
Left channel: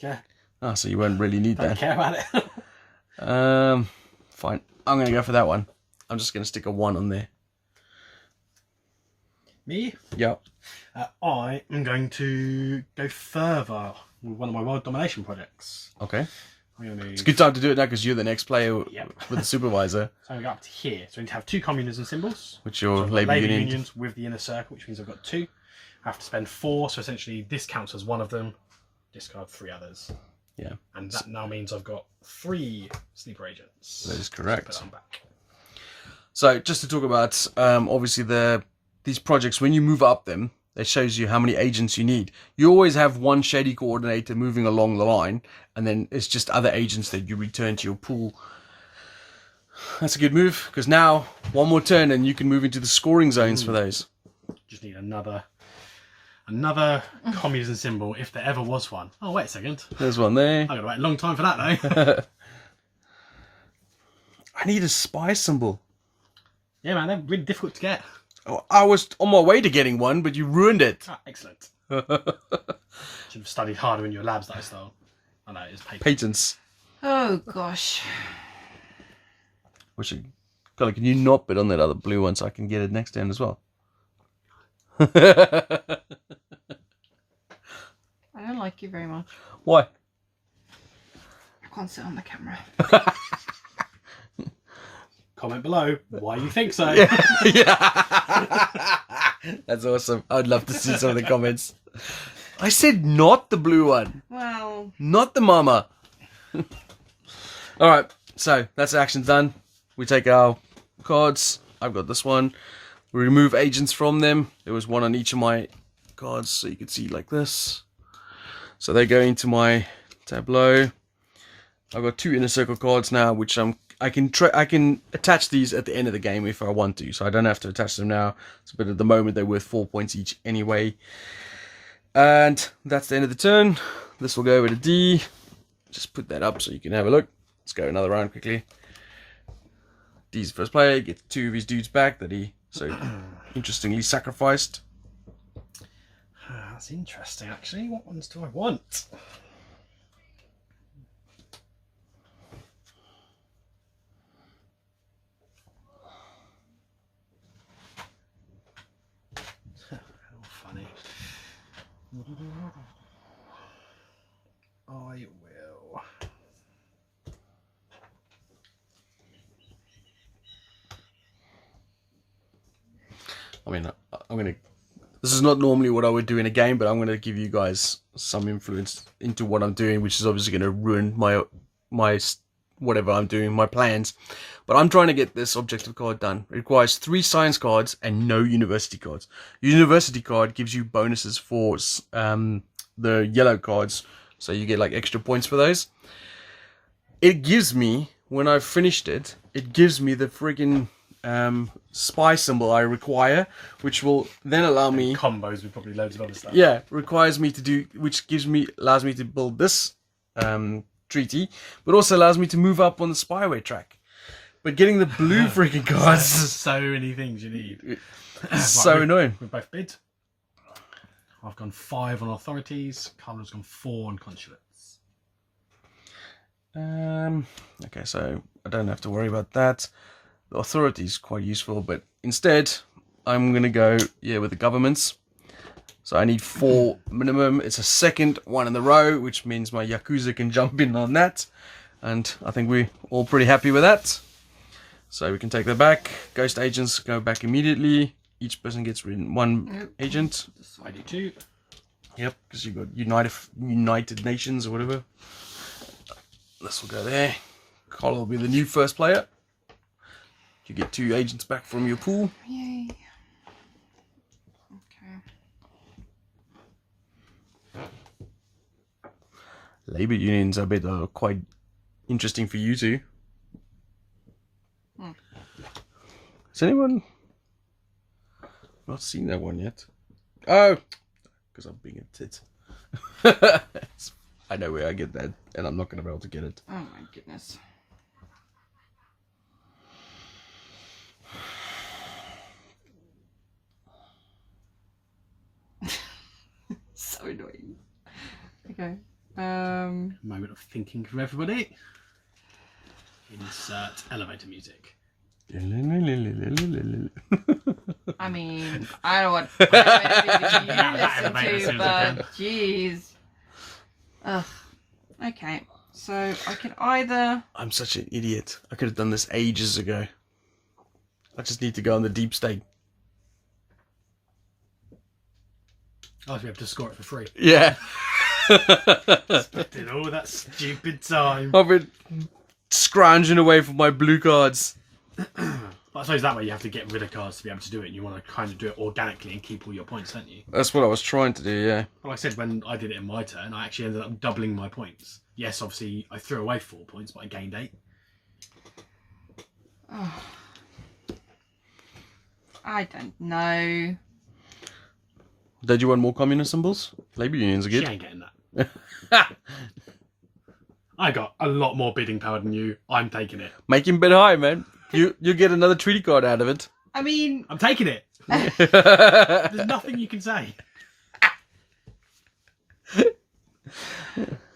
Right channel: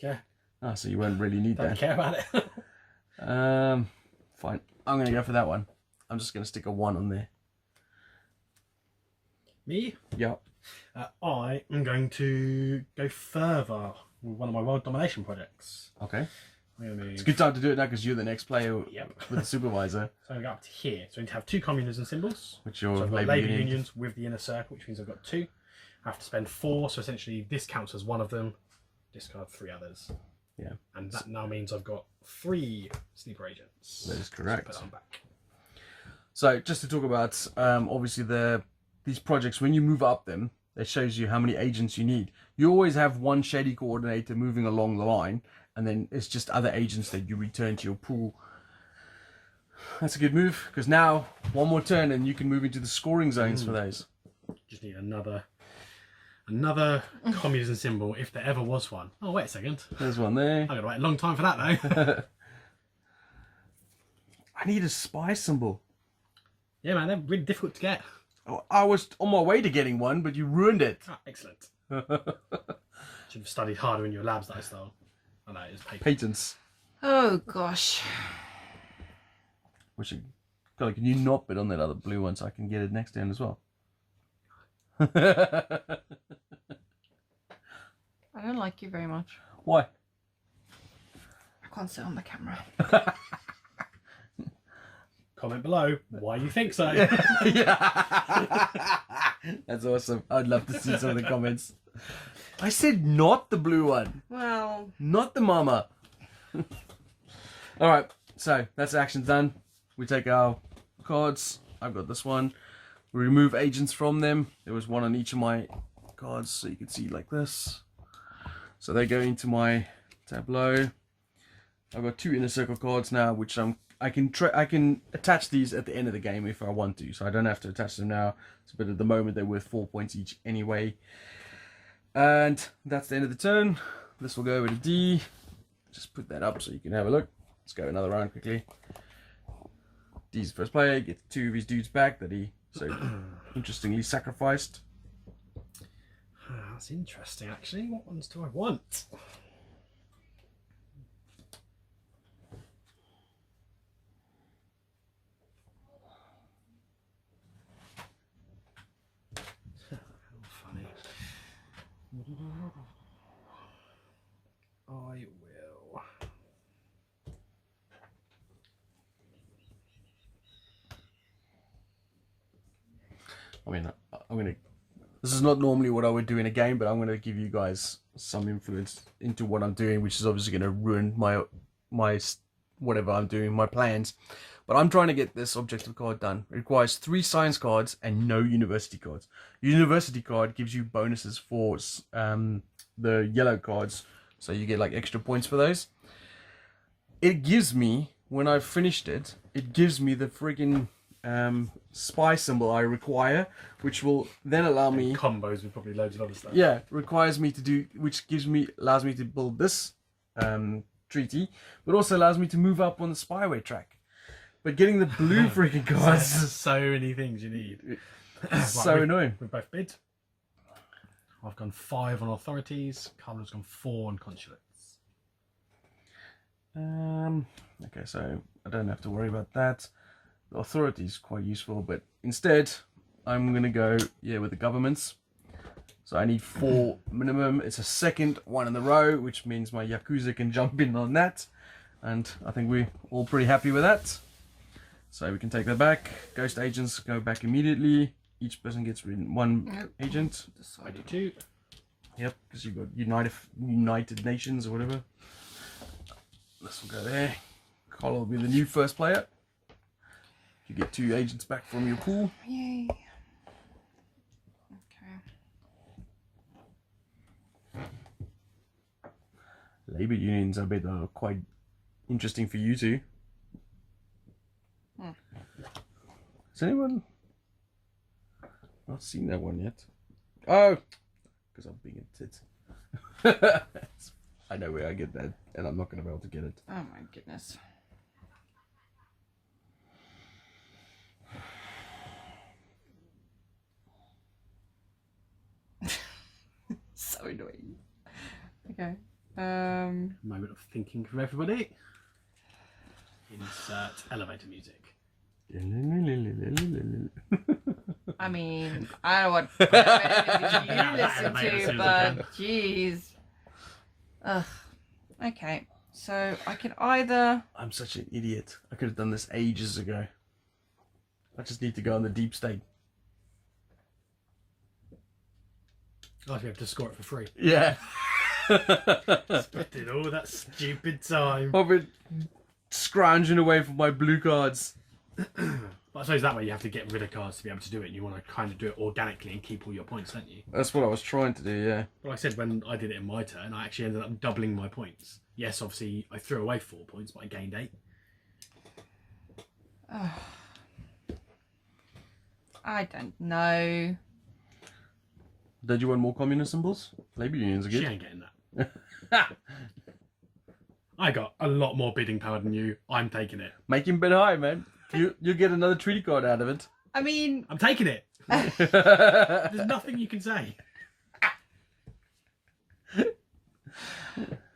Yeah. Oh, so you won't really need Don't that. care about it. Fine. I'm going to go for that one. I'm just going to stick a 1 on there. Me? Yeah. I am going to go further with one of my world domination projects. Okay. I'm going to move... It's a good time to do it now because you're the next player Yep. with the supervisor. So we go up to here. So we need to have 2 communism symbols. Which your So I've got labor union. unions with the inner circle, which means I've got 2. I have to spend 4, so essentially this counts as one of them. Discard 3 others. Yeah. And that now means I've got 3 sleeper agents. That is correct. Put that on back. So just to talk about, obviously these projects, when you move up them, it shows you how many agents you need. You always have one shady coordinator moving along the line, and then it's just other agents that you return to your pool. That's a good move, because now, one more turn and you can move into the scoring zones for those. Just need another communism symbol, if there ever was one. Oh, wait a second. There's one there. I've got to wait a long time for that, though. I need a spy symbol. Yeah, man, they're really difficult to get. Oh, I was on my way to getting one, but you ruined it. Ah, excellent. Should have studied harder in your labs that I stole. I know, it's paper. Patents. Oh gosh. Colin, can you not bid on that other blue one so I can get it next turn as well? I don't like you very much. Why? I can't sit on the camera. Comment below why you think so. Yeah. That's awesome. I'd love to see some of the comments. I said not the blue one. Well, Not the mama. Alright, so that's action done. We take our cards. I've got this one. We remove agents from them. There was one on each of my cards, so you can see like this. So they go into my tableau. I've got 2 inner circle cards now, which I can attach these at the end of the game if I want to, so I don't have to attach them now. But at the moment they're worth 4 points each anyway. And that's the end of the turn. This will go over to D. Just put that up so you can have a look. Let's go another round quickly. D's the first player, gets 2 of his dudes back that he so interestingly sacrificed. That's interesting, actually. What ones do I want? How funny. I will. I mean, I'm gonna. This is not normally what I would do in a game, but I'm gonna give you guys some influence into what I'm doing, which is obviously gonna ruin my whatever I'm doing, my plans. But I'm trying to get this objective card done. It requires 3 science cards and no university cards. University card gives you bonuses for the yellow cards, so you get like extra points for those. It gives me, when I've finished it, it gives me the friggin' spy symbol I require, which will then allow me Combos with probably loads of other stuff. yeah, requires me to do, which allows me to build this treaty, but also allows me to move up on the spyway track. But getting the blue freaking cards So many things you need. so annoying. We've both bid. I've gone 5 on authorities. Carla's gone 4 on consulates. Okay, so I don't have to worry about that. The authority is quite useful, but instead I'm gonna go with the governments. So I need 4 minimum. It's a second one in the row, which means my Yakuza can jump in on that, and I think we're all pretty happy with that. So we can take that back. Ghost agents go back immediately. Each person gets rid 1 agent. I do too. Yep, because you've got United Nations or whatever. This will go there. Carl will be the new first player. You get 2 agents back from your pool. yay. Okay. Labour unions, I bet, are quite interesting for you two. Has anyone not seen that one yet? Oh, because I'm being a tit. I know where I get that, and I'm not going to be able to get it. Oh my goodness. So annoying. Okay. Moment of thinking from everybody. Insert elevator music. I mean, I don't know what elevator music you listen to, but jeez. Ugh. Okay. So I can either. I'm such an idiot. I could have done this ages ago. I just need to go on the deep state. I'll be able to score it for free. Yeah. Spent all that stupid time. I've been scrounging away from my blue cards. But I suppose that way you have to get rid of cards to be able to do it, and you want to kind of do it organically and keep all your points, don't you? That's what I was trying to do, yeah. But like I said, when I did it in my turn, I actually ended up doubling my points. Yes, obviously I threw away 4 points, but I gained 8. Oh. I don't know. Did you want more communist symbols? Labour unions are She good. ain't getting that. I got a lot more bidding power than you. I'm taking it. Make him bid high, man. You get another treaty card out of it. I mean, I'm taking it. There's nothing you can say.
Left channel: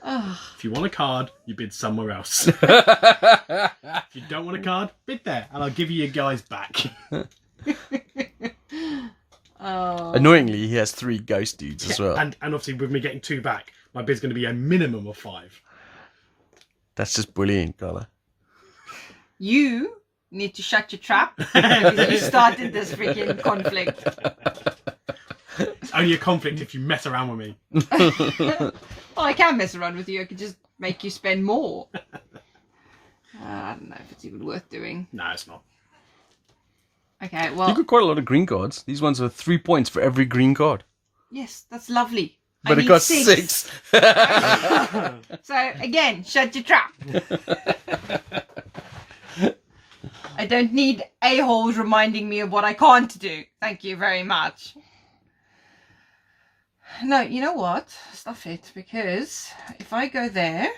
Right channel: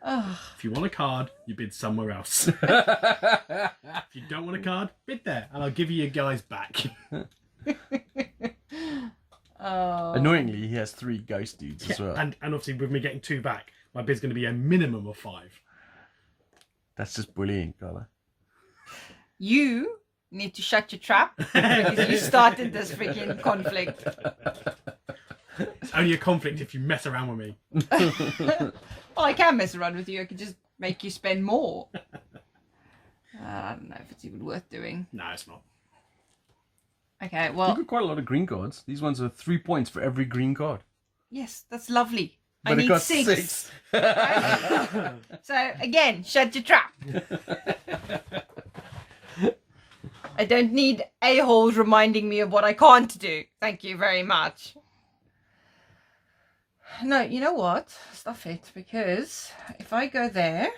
Ugh. If you want a card, you bid somewhere else. If you don't want a card, bid there, and I'll give you your guys back. Oh. Annoyingly, he has 3 ghost dudes as well. And obviously, with me getting 2 back, my bid's going to be a minimum of 5. That's just bullying, Carla. You need to shut your trap because you started this freaking conflict. It's only a conflict if you mess around with me. Well, I can mess around with you. I could just make you spend more. I don't know if it's even worth doing. No, it's not. Okay, You've well, got quite a lot of green cards. These ones are 3 points for every green card. yes, that's lovely. But I it need got 6. 6. So, again, shut your trap. I don't need a-holes reminding me of what I can't do. Thank you very much. No, you know what? Stuff it, because if I go there...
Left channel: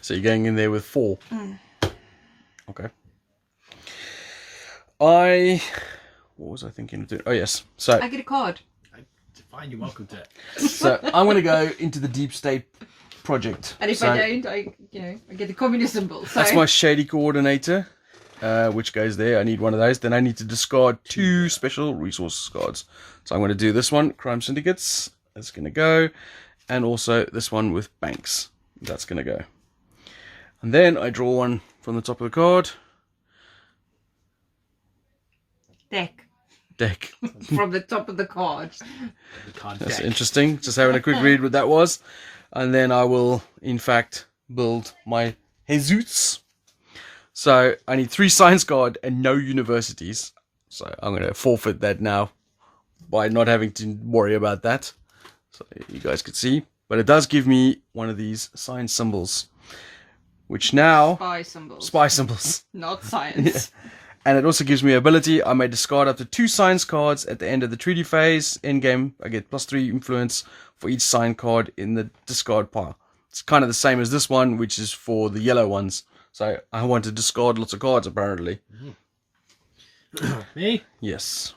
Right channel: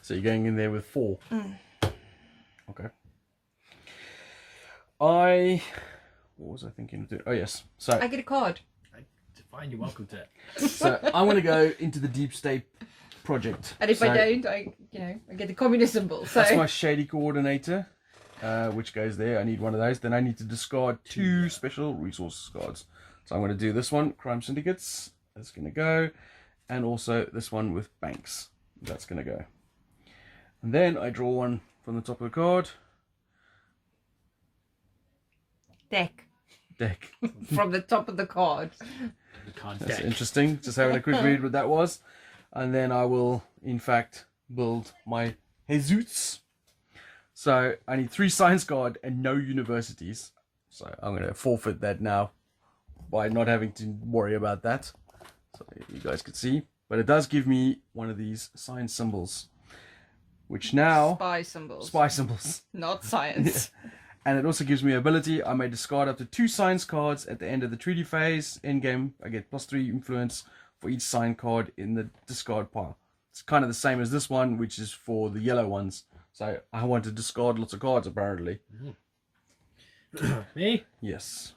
So you're going in there with 4. Okay. What was I thinking of doing? Oh, yes. So, I get a card. Fine, you're welcome to it. so I'm going to go into the Deep State project. And if I don't, I get the communist symbol. So. That's my shady coordinator, which goes there. I need one of those. Then I need to discard 2 special resource cards. So I'm going to do this one, Crime Syndicates. That's going to go. And also this one with banks. That's going to go. And then I draw one from the top of the card. Deck. From the top of the card. The card That's deck. interesting. Just having a quick read what that was. And then I will, in fact, build my Jesus. So I need 3 science card and no universities. So I'm going to forfeit that now by not having to worry about that. So you guys could see. But it does give me one of these science symbols. Which now... Spy symbols. Spy symbols. Not science. Yeah. And it also gives me ability. I may discard up to 2 science cards at the end of the treaty phase. In game, I get +3 influence for each sign card in the discard pile. It's kind of the same as this one, which is for the yellow ones. So I want to discard lots of cards, apparently. Me? Yes.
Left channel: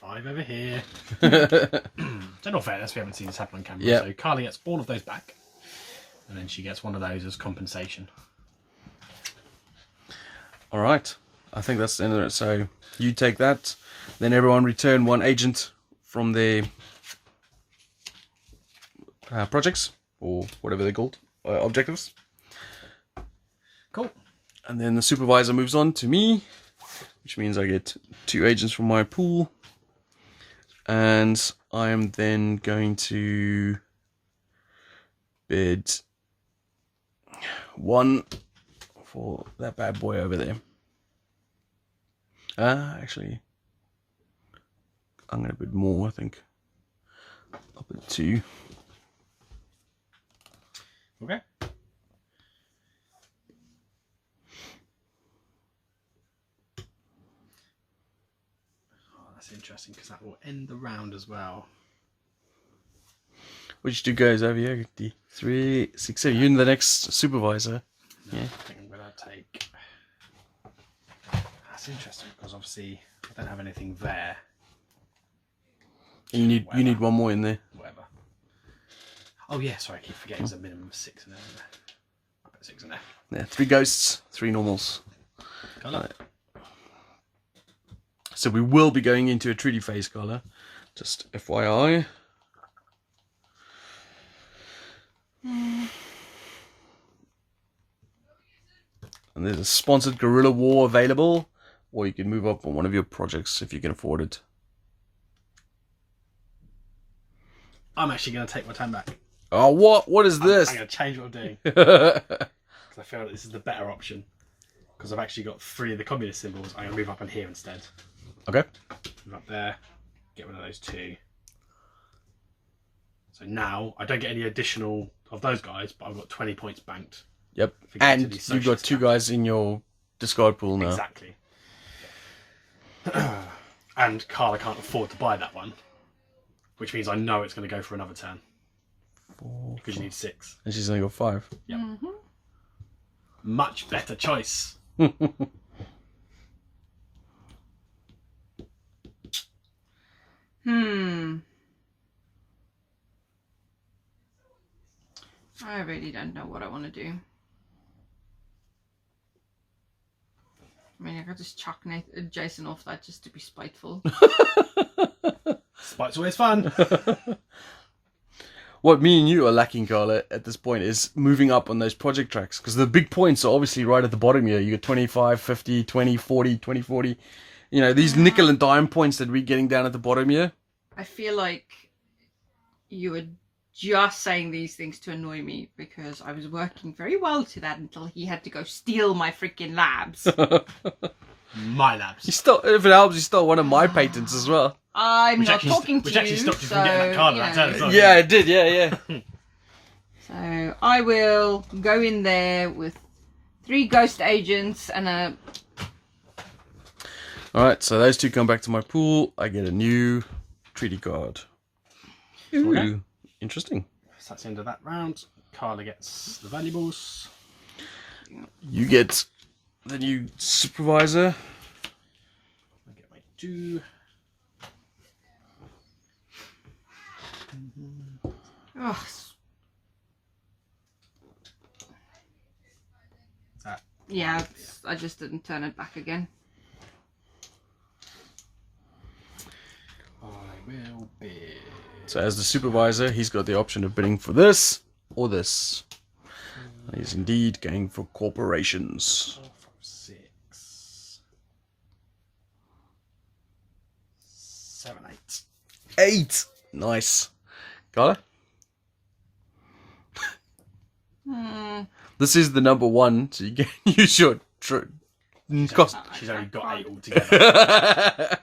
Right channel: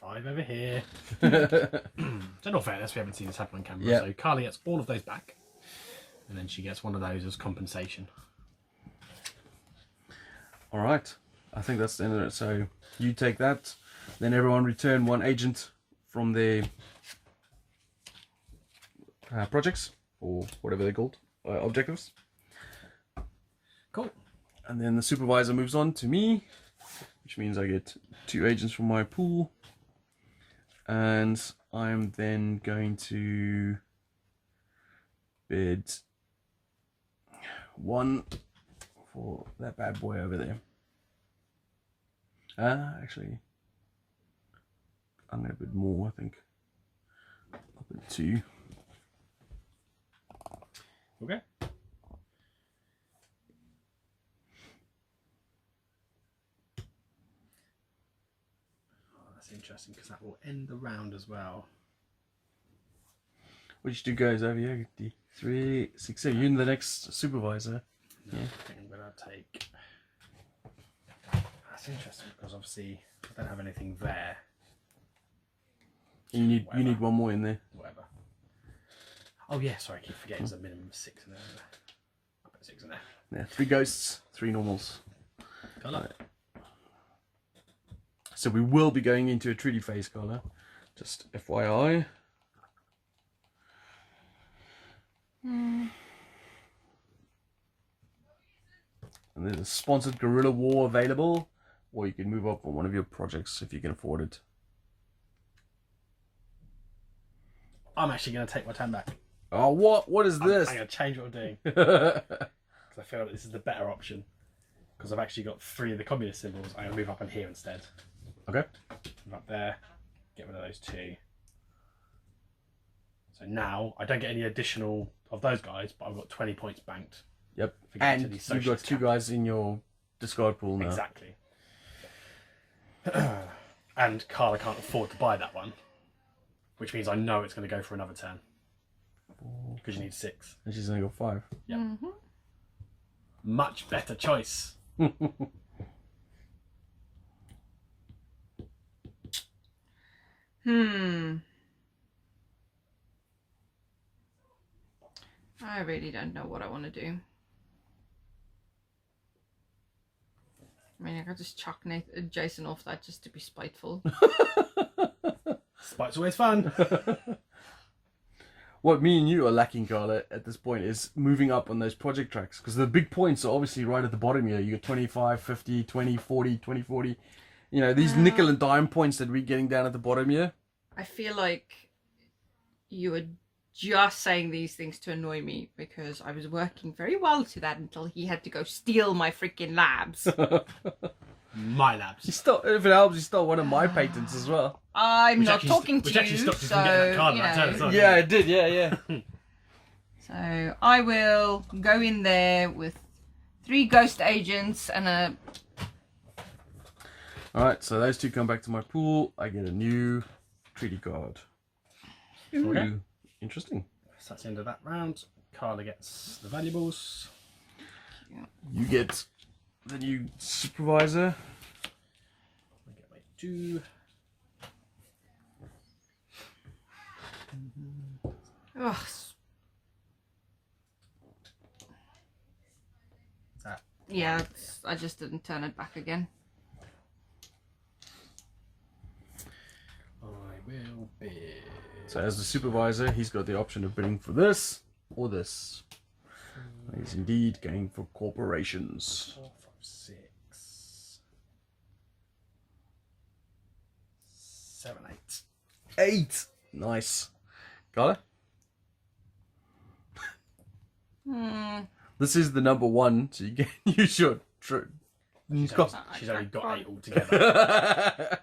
5 over here. In all fairness, we haven't seen this happen on camera. Yeah. So Carly gets all of those back. And then she gets one of those as compensation. All right. I think that's the end of it. So you take that. Then everyone return 1 agent from their projects. Or whatever they're called. Objectives. Cool. And then the supervisor moves on to me. Which means I get 2 agents from my pool. And I'm then going to bid 1 for that bad boy over there. Actually, I'm going to bid more, I think. I'll bid 2. Okay. That's interesting because that will end the round as well. Which 2 guys over here? 3, 6, 7. You're the next supervisor. No, Yeah. I think I'm going to take... That's interesting because obviously I don't have anything there. You need 1 more in there. Whatever. Oh yeah, sorry, I keep forgetting there's a minimum of 6 in there. I'll put 6 in there. Yeah, 3 ghosts, 3 normals. Colour. So we will be going into a treaty phase, Carla. Just FYI. And there's a sponsored guerrilla war available, or you can move up on one of your projects if you can afford it. I'm actually going to take my time back. Oh, what is this? I'm going to change what I'm doing. Because I feel like this is the better option. Because I've actually got 3 of the communist symbols. I'm going to move up on here instead. Okay. Move up there. Get rid of those 2. So now I don't get any additional of those guys, but I've got 20 points banked. Yep. For getting And to these you've got socialist 2 guys in your discard pool now. Exactly. And Carla can't afford to buy that one. Which means I know it's going to go for another turn. 4, Because you need 6. and she's only got 5. Yep. Mm-hmm. Much better choice. I really don't know what I want to do. I mean, I could just chuck Jason off that just to be spiteful. Spite's always fun. What me and you are lacking, Carla, at this point is moving up on those project tracks. Because the big points are obviously right at the bottom here. You got 25, 50, 20, 40, 20, 40. You know, these nickel and dime points that we're getting down at the bottom here. I feel like you were just saying these things to annoy me because I was working very well to that until he had to go steal my freaking labs. My labs. He stole, if it helps, he stole one of my patents as well. I'm not talking to which you. actually stopped you so, from getting that card you that know. turn as well. Yeah, it did, yeah. So I will go in there with 3 ghost agents and a... Alright, so those 2 come back to my pool. I get a new treaty card. Okay. Interesting. So that's the end of that round. Carla gets the valuables. You get the new supervisor. I get my 2. Ugh. Yeah, I just didn't turn it back again. I will bid. So as the supervisor, he's got the option of bidding for this or this. He's indeed going for corporations. 4, 5, 6, 7, 8. 8! Nice. Got it? This is the number 1, so you can use your cost. She's only got 8 altogether.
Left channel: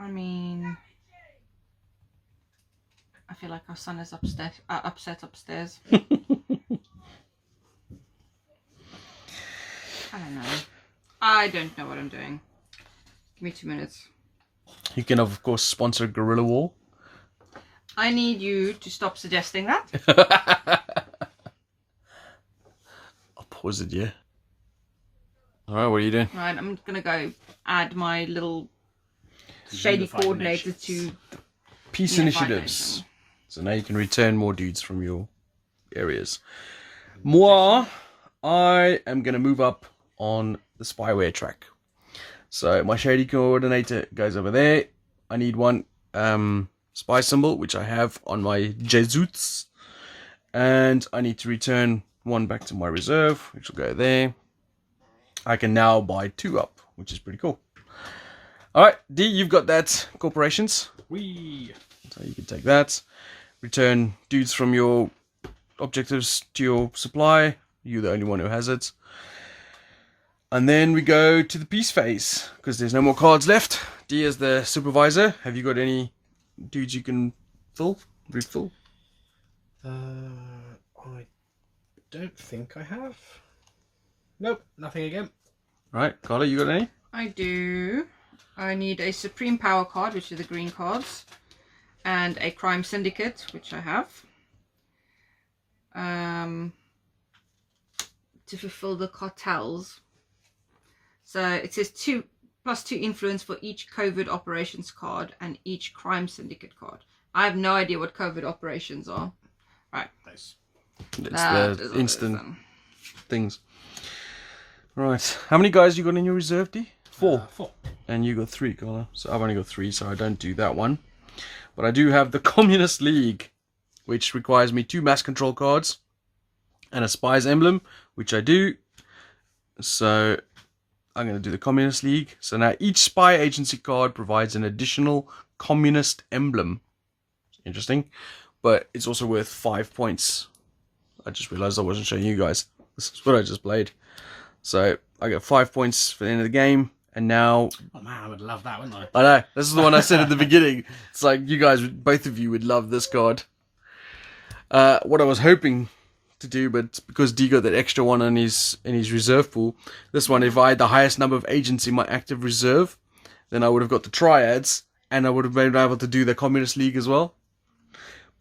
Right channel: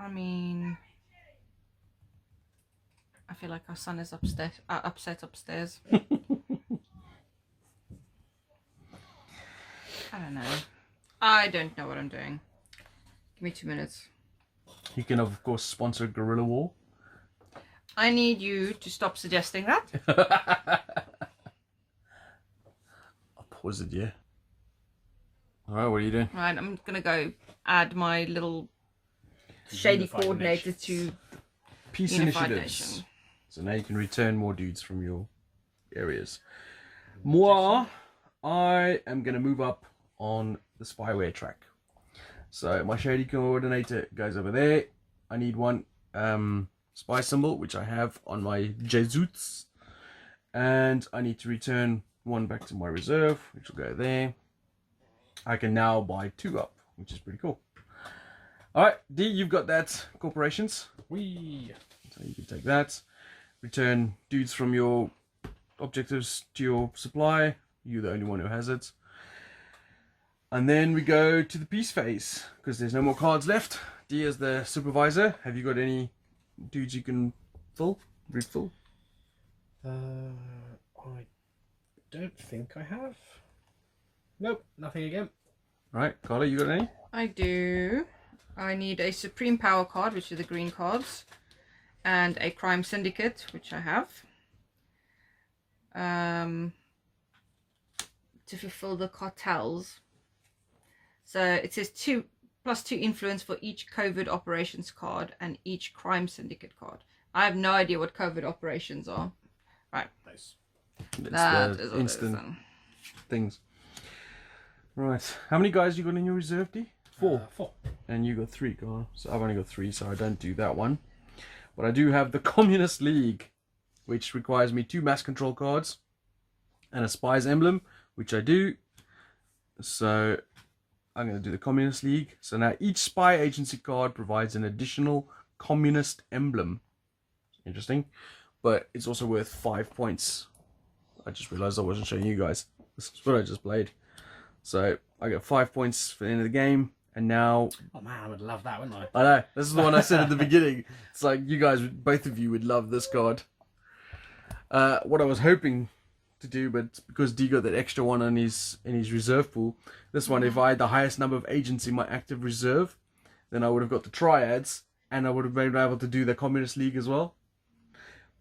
I mean, I feel like our son is upset upstairs. I don't know. I don't know what I'm doing. Give me 2 minutes. You can, of course, sponsor Guerrilla War. I need you to stop suggesting that. I'll pause it, yeah. Alright, what are you doing? Right, I'm gonna go add my little shady Unified coordinator Nations. to Peace Unified initiatives. Nation. So now you can return more dudes from your areas. Moi, I am going to move up on the spyware track. So my shady coordinator goes over there. I need one spy symbol, which I have on my Jesuits. And I need to return one back to my reserve, which will go there. I can now buy 2 up, which is pretty cool. Alright, D, you've got that corporations. Wee. So you can take that. Return dudes from your objectives to your supply. You're the only one who has it. And then we go to the peace phase, because there's no more cards left. D is the supervisor. Have you got any dudes you can fill? Refill? I don't think I have. Nope, nothing again. Right, Carla, you got any? I do. I need a Supreme Power card, which are the green cards, and a Crime Syndicate, which I have. To fulfill the cartels. So it says 2 + 2 influence for each Covert Operations card and each Crime Syndicate card. I have no idea what Covert Operations are. Right. Those. It's That is the what it is instant then. things. Right, how many guys you got in your reserve, D? 4. 4. And you got 3, Carla. So I've only got 3, so I don't do that one. But I do have the Communist League, which requires me 2 mass control cards and a spy's emblem, which I do. So I'm going to do the Communist League. So now each spy agency card provides an additional communist emblem. Interesting. But it's also worth 5 points. I just realized I wasn't showing you guys. This is what I just played. So I got 5 points for the end of the game. And now... Oh man, I would love that, wouldn't I? I know. This is the one I said at the beginning. It's like you guys, both of you would love this card. What I was hoping to do, but because D got that extra one in his reserve pool, this one, if I had the highest number of agents in my active reserve, then I would have got the triads, and I would have been able to do the Communist League as well.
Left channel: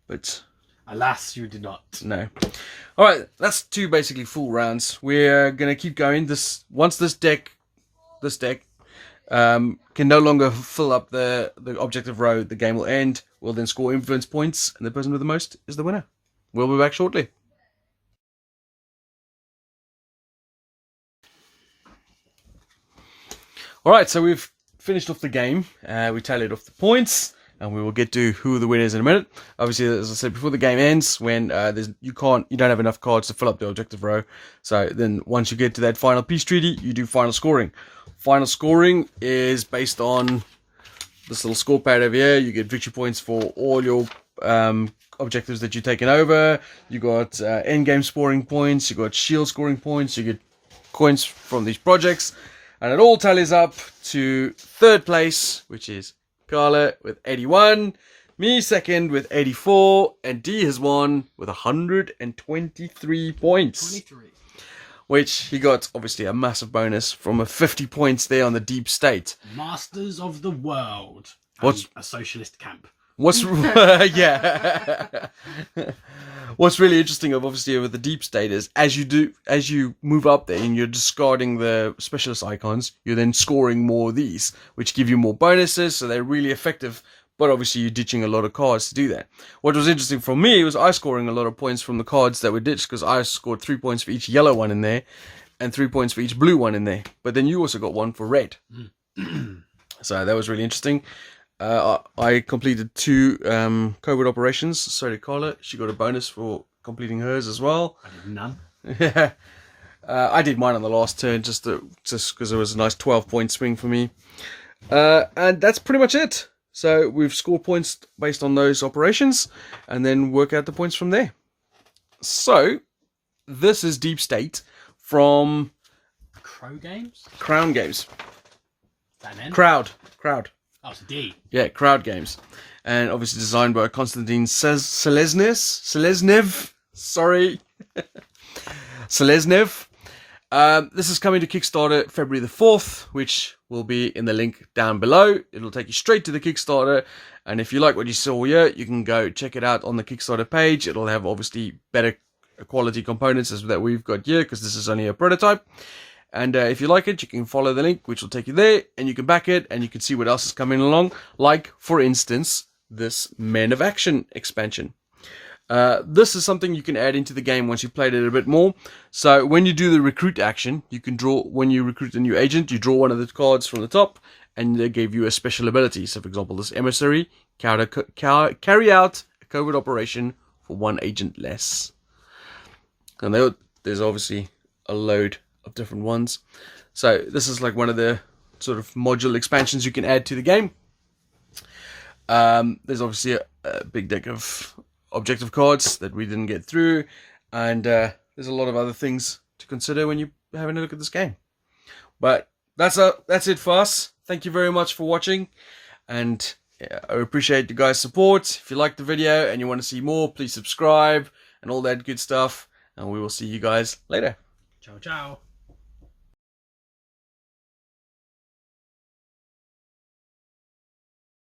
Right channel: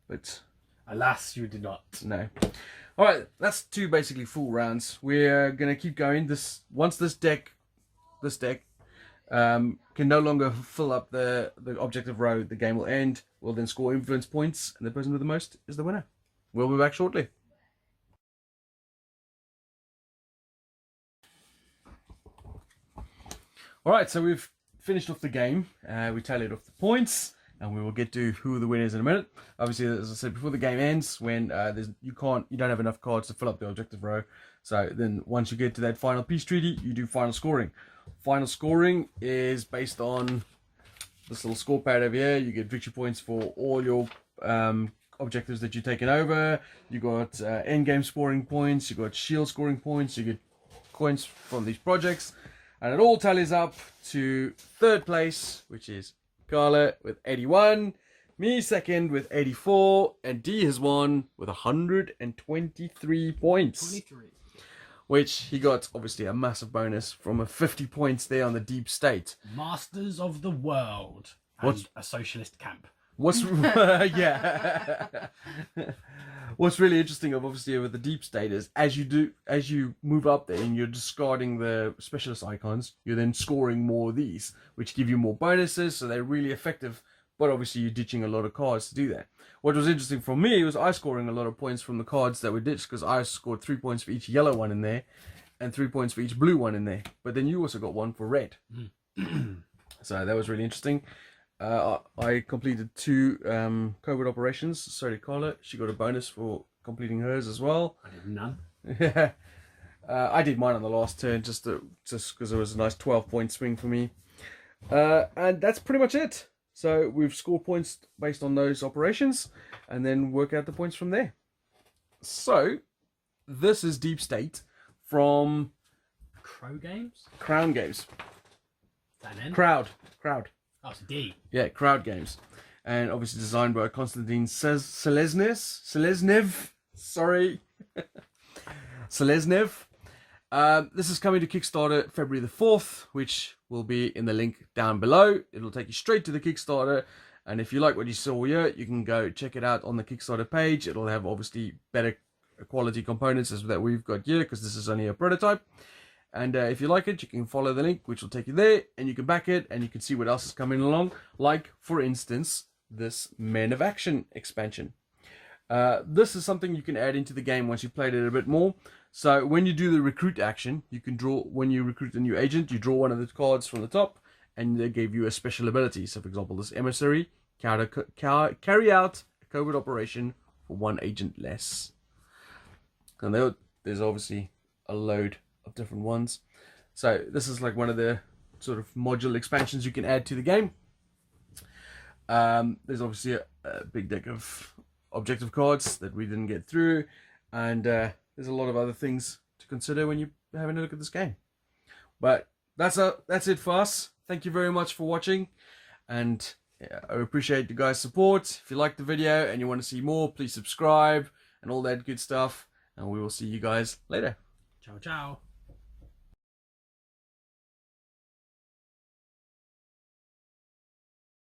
But Alas, you did not. No. All right, that's 2 basically full rounds. We're gonna keep going. Once this deck can no longer fill up the objective row, the game will end. We'll then score influence points, and the person with the most is the winner. We'll be back shortly. All right, so we've finished off the game. We tallied off the points, and we will get to who are the winners in a minute. Obviously, as I said before, the game ends when you don't have enough cards to fill up the objective row. So then, once you get to that final peace treaty, you do final scoring. Final scoring is based on this little score pad over here. You get victory points for all your objectives that you've taken over. You got end game scoring points. You got shield scoring points. You get coins from these projects, and it all tallies up to 3rd place, which is Carla with 81, me 2nd with 84, and D has won with 123 points. 23. Which he got obviously a massive bonus from a 50 points there on the deep state. Masters of the world. What's and a socialist camp? What's yeah? What's really interesting, obviously, with the deep state is as you move up there and you're discarding the specialist icons, you're then scoring more of these, which give you more bonuses. So they're really effective. But obviously, you're ditching a lot of cards to do that. What was interesting for me was I scoring a lot of points from the cards that were ditched, because I scored 3 points for each yellow one in there, and 3 points for each blue one in there. But then you also got 1 for red. So that was really interesting. I completed 2 covert operations. So did Carla. She got a bonus for completing hers as well. I did none. Yeah. I did mine on the last turn just because it was a nice 12-point swing for me. And that's pretty much it. So we've scored points based on those operations and then work out the points from there. So this is Deep State from Crow Games? Crown Games. Is that an N? Crowd. Oh, it's a D. Yeah, Crowd Games. And obviously designed by Konstantin Seleznev. Sorry. Seleznev. This is coming to Kickstarter February the 4th, which will be in the link down below. It'll take you straight to the Kickstarter. And if you like what you saw here, you can go check it out on the Kickstarter page. It'll have obviously better quality components as that we've got here, because this is only a prototype. And if you like it, you can follow the link, which will take you there, and you can back it, and you can see what else is coming along. Like, for instance, this Men of Action expansion. This is something you can add into the game once you've played it a bit more. So when you do the recruit action, you can draw, when you recruit a new agent, you draw one of the cards from the top, and they give you a special ability. So for example, this emissary, carry out a covert operation for 1 agent less. And there's obviously a load of different ones. So this is like one of the sort of module expansions you can add to the game. There's obviously a big deck of objective cards that we didn't get through, and there's a lot of other things to consider when you're having a look at this game. But that's it for us. Thank you very much for watching, and I appreciate you guys' support. If you liked the video and you want to see more, please subscribe and all that good stuff, and we will see you guys later. Ciao, ciao.